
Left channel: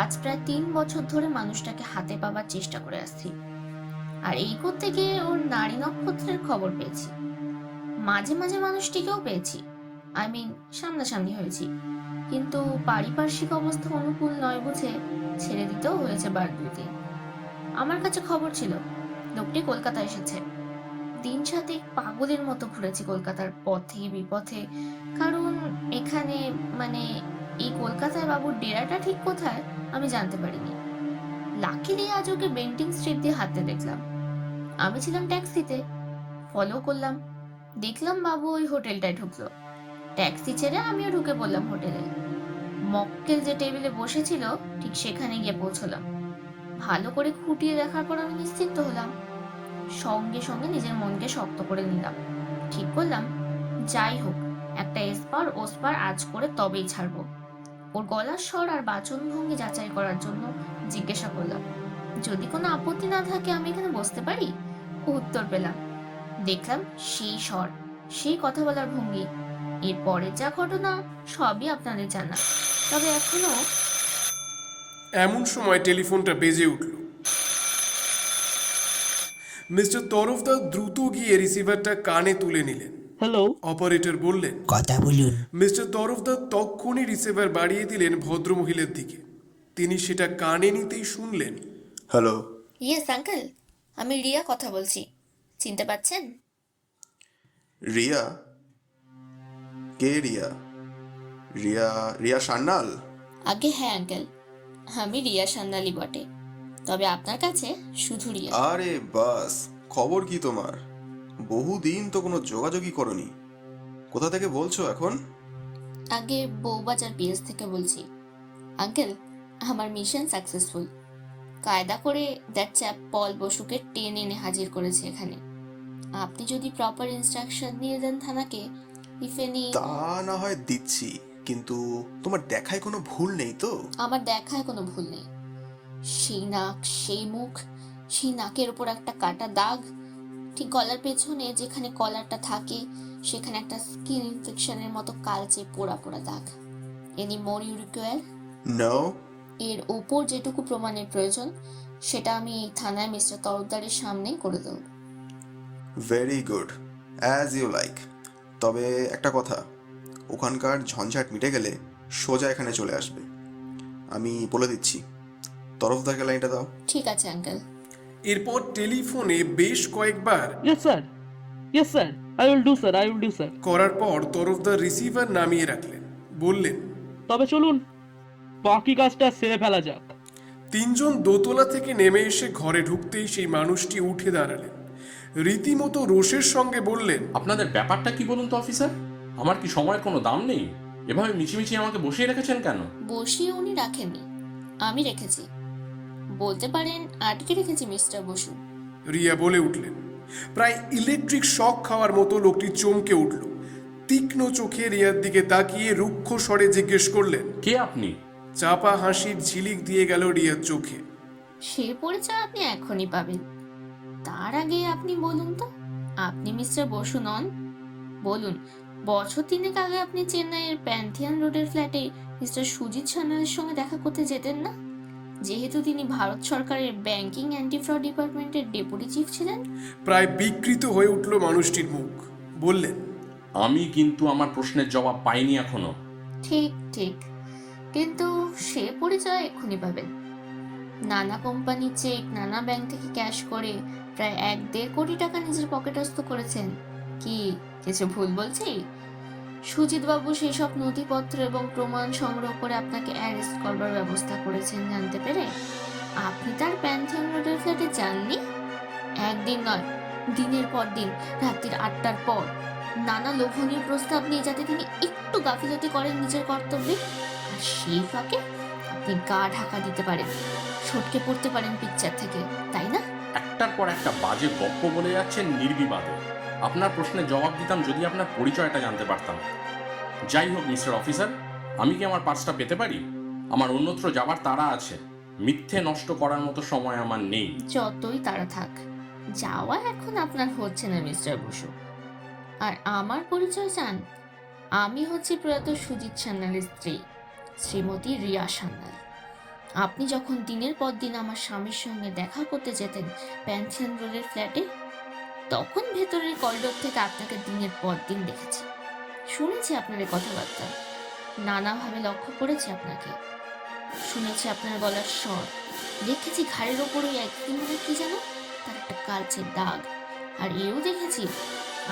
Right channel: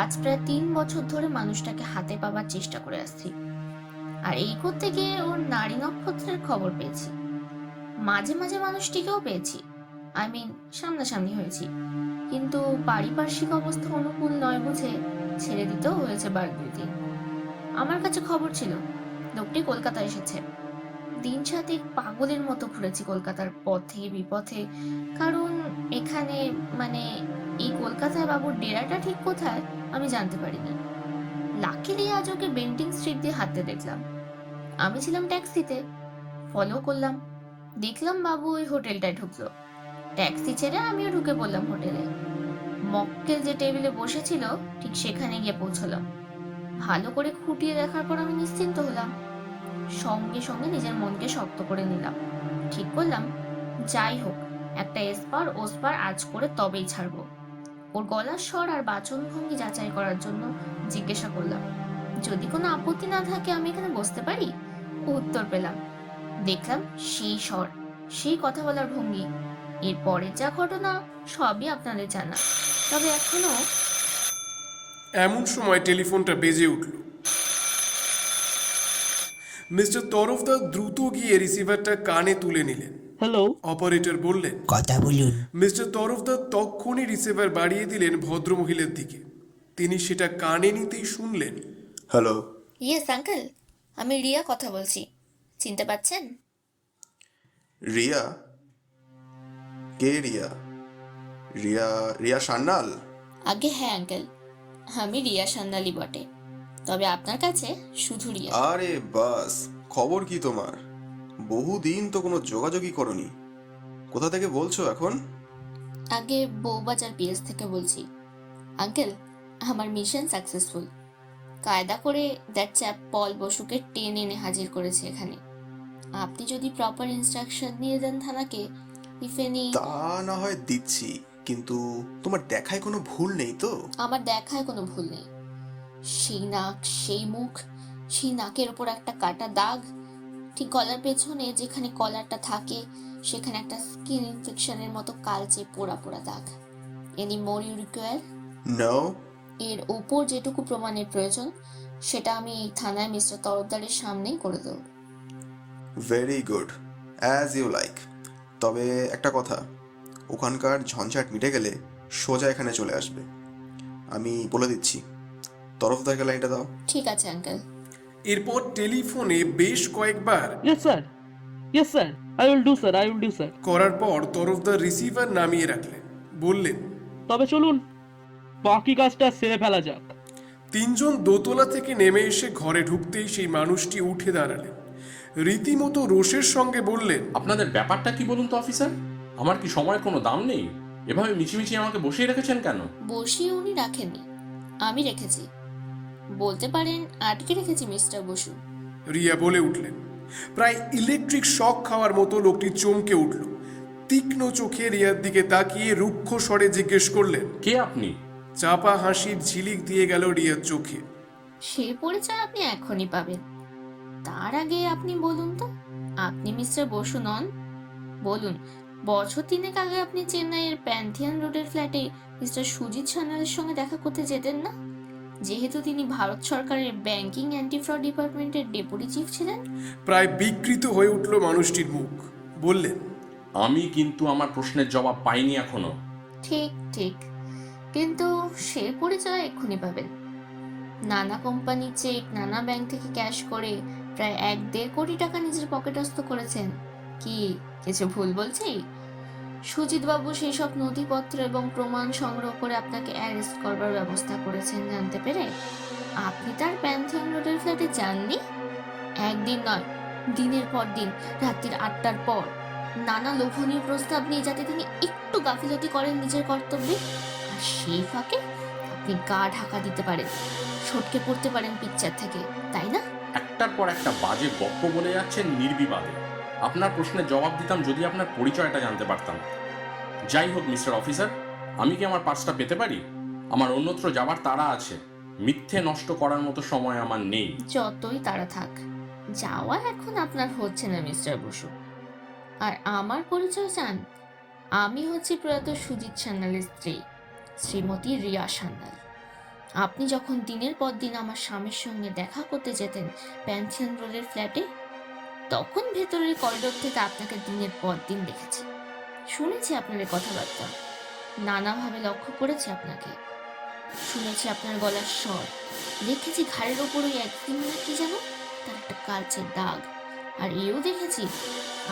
আজ প্রায় 3 বছর ধরে মানুষটাকে হাতে পাবার চেষ্টা করে আসছি, আর এই করতে গিয়ে ওর নারী নক্ষত্রের খবর পেয়েছি। মাঝে মাঝে মানুষটিকেও পেয়েছি, আই মিন সামনাসামনি হয়েছি, কিন্তু পারিপার্শ্বিক অবস্থা অনুকূল নয় বুঝে ছেড়ে দিতেও হয়েছে বার 2-3। আমার কাছে খবর ছিল লোকটি কলকাতা এসেছে। দিন সাথে পাগলের মতো ঘুরেছি কলকাতার পথে বিপথে, কারণ এখানে মানে এই কলকাতায় বাবুর ডেরাটা ঠিক কোথায় আমি জানতে পারিনি। লাকিলি আজ ওকে বেন্টিং স্ট্রিট দিয়ে হাঁটতে দেখলাম। আমি ছিলাম ট্যাক্সিতে, ফলো করলাম, দেখলাম বাবু ওই হোটেলটায় ঢুকলো। ট্যাক্সি ছেড়ে আমিও ঢুকে পড়লাম হোটেলে। মক্কেল যে টেবিলে বসেছিল ঠিক সেখানে গিয়ে পৌঁছলাম। ভালো করে খুঁটিয়ে দেখার পর আমি নিশ্চিন্ত হলাম। সঙ্গে সঙ্গে নিজের মনকে শক্ত করে নিলাম, ঠিক করলাম যাই হোক একটা এসপার ওসপার আজ করে তবেই ছাড়বো। ওর গলার স্বর আর বাচনভঙ্গি যাচাই করার জন্য জিজ্ঞাসা করলাম, যদি কোনো আপত্তি না থাকে আমি এখানে বসতে পারি? উত্তর পেলাম। দেখলাম সেই স্বর, সেই কথা বলার ভঙ্গি। এরপরে যা ঘটনা সবই আপনাদের জানা, তবে এখনো। এমন সময় টেলিফোনটা বেজে উঠল। মিস্টার তরফদার দ্রুত গিয়ে রিসিভারটা কানে তুলে নিলেন। হ্যালো, অপারেটর বললেন, কথা বলুন। মিস্টার তরফদার তক্ষুনি রিসিভার বাড়িয়ে দিলেন ভদ্রমহিলার দিকে। তিনি সেটা কানে নিতেই শুনলেন, হ্যালো। ইয়েস আঙ্কেল, আমি রিয়া কথা বলছি, চিনতে পাচ্ছেন? রিয়া? কে রিয়া? রিয়া রিয়া সান্যাল? আগে হ্যাঁ আঙ্কেল, আমি রিয়া সান্যালি বটে, তবে আপনার কাছে শুধু রিয়া। আরে বাস, খবর কি তোমার? বহুদিন তো কোনো যোগাযোগই করনি। কোথা থেকে বলছো এখন? আগে বউবাজার পিএস থেকে বলছি। আঙ্কেল, আমার মিশন সাকসেসফুল। কায়দা করে দ্যাট চ্যাপ পল বসুকে টেনে এনে হাজির করেছে এখানে। আপনি যদি প্রপার ইনস্ট্রাকশন দিয়ে দেন থানাকে, ইফ এনি। তা না হয় দিচ্ছি, কিন্তু তোমার দেখায় কোনো ভুল নেই তো? আমার দেখায় কোনো ভুল নেই। সেই নাক, সেই মুখ, সেই নাকের ওপর একটা কাটা দাগ, ঠিক গলার পেছনে যেখানে কলারটা থাকে সেখানে একটা স্কিন ইনফেকশনের মতো কালচে পোড়া পোড়া দাগ। Any more you require? No. এর ওপর যেটুকু প্রমাণের প্রয়োজন সেটা আমি এই থানায় মিস্টার তরফদারের সামনেই করে দেব। Very good, as you like. তবে একটা কথা, ওখানকার ঝঞ্ঝাট মিটে গেলে সোজা এখানে চলে আসবে। আমি বলে দিচ্ছি। তরফদারকে লাইনটা দাও। ঠিক আছে আঙ্কেল। এরপর টেলিফোনে বেশ কয়েকবার yes sir, yes sir, I will do sir, I will do sir. করার পর তরফদার রিসিভার নামিয়ে রাখলেন। বললেন, তবে চলুন বাকি কাজটা সেরে ফেলা যাক। তিনজন দোতলা থেকে নেমে এসে ঘরে ঢুকতেই সেই মানুষটি উঠে দাঁড়ালেন। রীতিমতো রোষের সঙ্গে বললেন, আপনাদের ব্যাপারটা কি বলুন তো অফিসার? আমার কি সময়ের কোনো দাম নেই? এভাবে মিছিমিছি আমাকে বসিয়ে রেখেছেন কেন? বসিয়ে উনি রাখেননি, আমি রেখেছি। বলতে পারেন আটকে রেখেছি মিস্টার বসু। রিয়া বলে উঠলেন। প্রায় ইলেকট্রিক শক খাওয়ার মতো লোকটি চমকে উঠল। তীক্ষ্ণ চোখে রিয়ার দিকে তাকিয়ে রুক্ষ স্বরে জিজ্ঞেস করলেন, কে আপনি? চাপা হাসির ঝিলিক দিয়ে গেল রিয়ার চোখে। সে পরিচয় আপনি এখনই পাবেন। তার আগে আপনি বলুন তো, আপনি মিস্টার বসু নন? বলুন, বছর 3 আগে আপনি চেন্নাইয়ের প্যান্থিয়ান রোডের ফ্ল্যাটে মিস্টার সুজিত সান্যালের সঙ্গে দেখা করতে যেতেন না, যেহেতু তিনি ভারত সরকারের ব্যাংকিং অ্যান্টি ফ্রড ডিপার্টমেন্টের ডেপুটি চিফ ছিলেন? প্রায় বিকৃত হয়ে উঠল মানুষটির মুখ। বললেন, আমি কিন্তু আমার প্রশ্নের জবাব পাইনি এখনো। ঠিক ঠিক, কিন্তু সে পরিচয় এক্ষুনি পাবেন। নানা কোম্পানি চেক, নানা ব্যাংক থেকে ক্যাশ করে প্রায় 1-1.5 কোটি টাকা নিজের পকেটস্থ করেছেন। কি কিছু ভুল বলছি? সুজিতবাবু সেই সব নথিপত্র এবং প্রমাণ সংগ্রহ করে আপনাকে অ্যারেস্ট করবার ব্যবস্থা করেছেন জানতে পেরে আপনি তার প্যান্থিয়ন রোডের ফ্ল্যাটে যাননি? একদিন নয়, দিনের পর দিন, রাত্রির 8টার পর নানা লোভনীয় প্রস্তাব নিয়ে, যাতে তিনি একটু গাফিলতি করেন নিজের কর্তব্যে। আর সেই ফাঁকে আপনি গা ঢাকা দিতে পারেন, সটকে পড়তে পারেন পিকচার থেকে, তাই না? একটার পর একটা বাজে গপ্প বলে যাচ্ছেন নির্বিবাদে। আপনার প্রশ্নের জবাব দিতাম যদি আপনার পরিচয়টা জানতে পারতাম। যাই হোক মিস্টার অফিসার, আমি কি আমার পার্সটা পেতে পারি? আমার অন্যত্র যাবার তাড়া আছে। মিথ্যে নষ্ট করার মতো সময় আমার নেই। যতই তাড়া থাক, যাওয়া এখন আপনার হচ্ছে না মিস্টার বসু। আর আমার পরিচয় চান? আমি হচ্ছি প্রয়াত সুজিত সান্যালের স্ত্রী, শ্রীমতী রিয়া সান্যাল। আপনি যখন দিনের পর দিন আমার স্বামীর সঙ্গে দেখা করতে যেতেন প্যান্থিয়ন রোডের ফ্ল্যাটে, তখন ভেতরের করিডোর থেকে আপনাকে দিনের পর দিন দেখেছি। শুনেছি আপনার এই কথাবার্তা, নানাভাবে লক্ষ্য করেছি আপনাকে। শুনেছি আপনার গলার স্বর, দেখেছি ঘাড়ের ওপর ওই একদিন কি যেন তার একটা কালচে দাগ। আর এও দেখেছি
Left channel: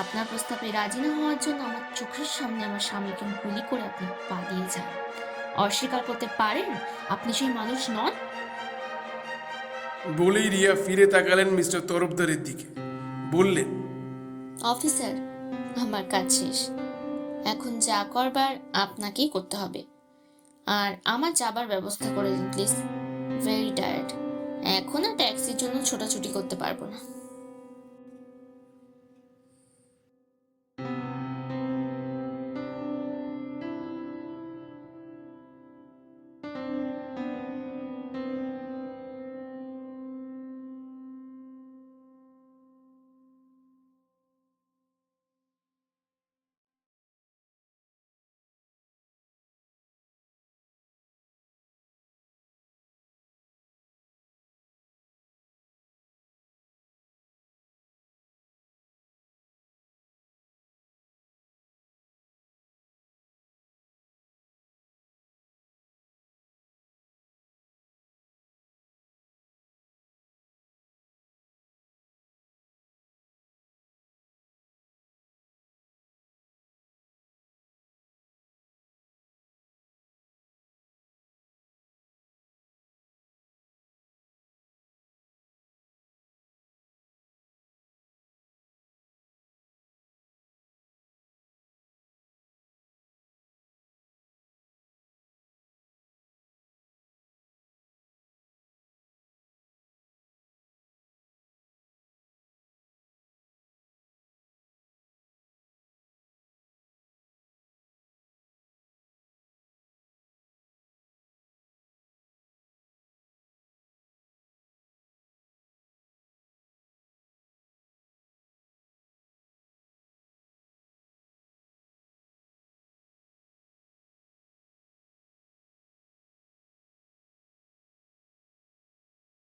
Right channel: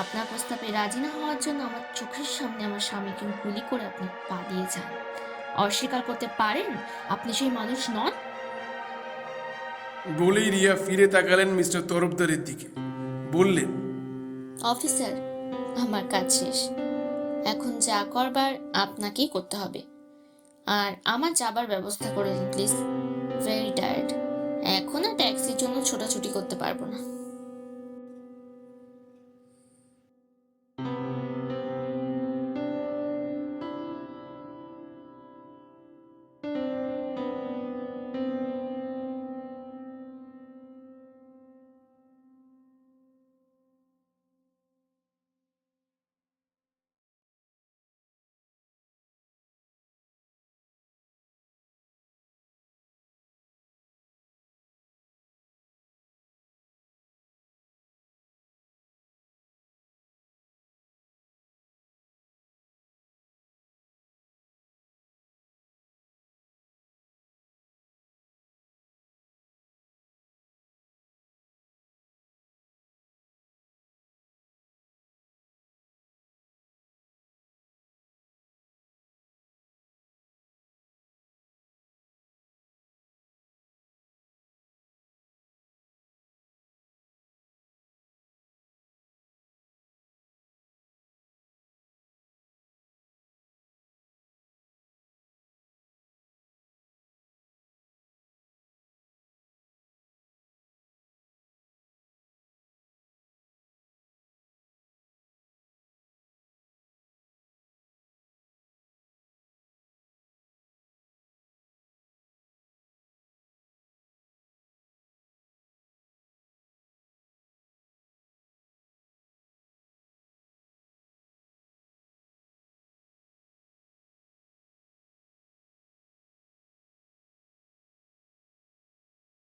আপনার প্রস্তাবে রাজি না হওয়ার জন্য আমার চোখের সামনে আমার স্বামীকে গুলি করে আপনি পালিয়ে যান। অস্বীকার করতে পারেন আপনি সেই মানুষ নন? বলেই রিয়া ফিরে তাকালেন মিস্টার তরফদারের দিকে, বললেন, অফিসার, আমার কাজ শেষ। এখন যা করবার আপনাকেই করতে হবে। আর আমার যাবার ব্যবস্থা করে দিন প্লিজ। ভেরি টায়ার্ড, এখন আর ট্যাক্সির জন্য ছোটাছুটি করতে পারবো না।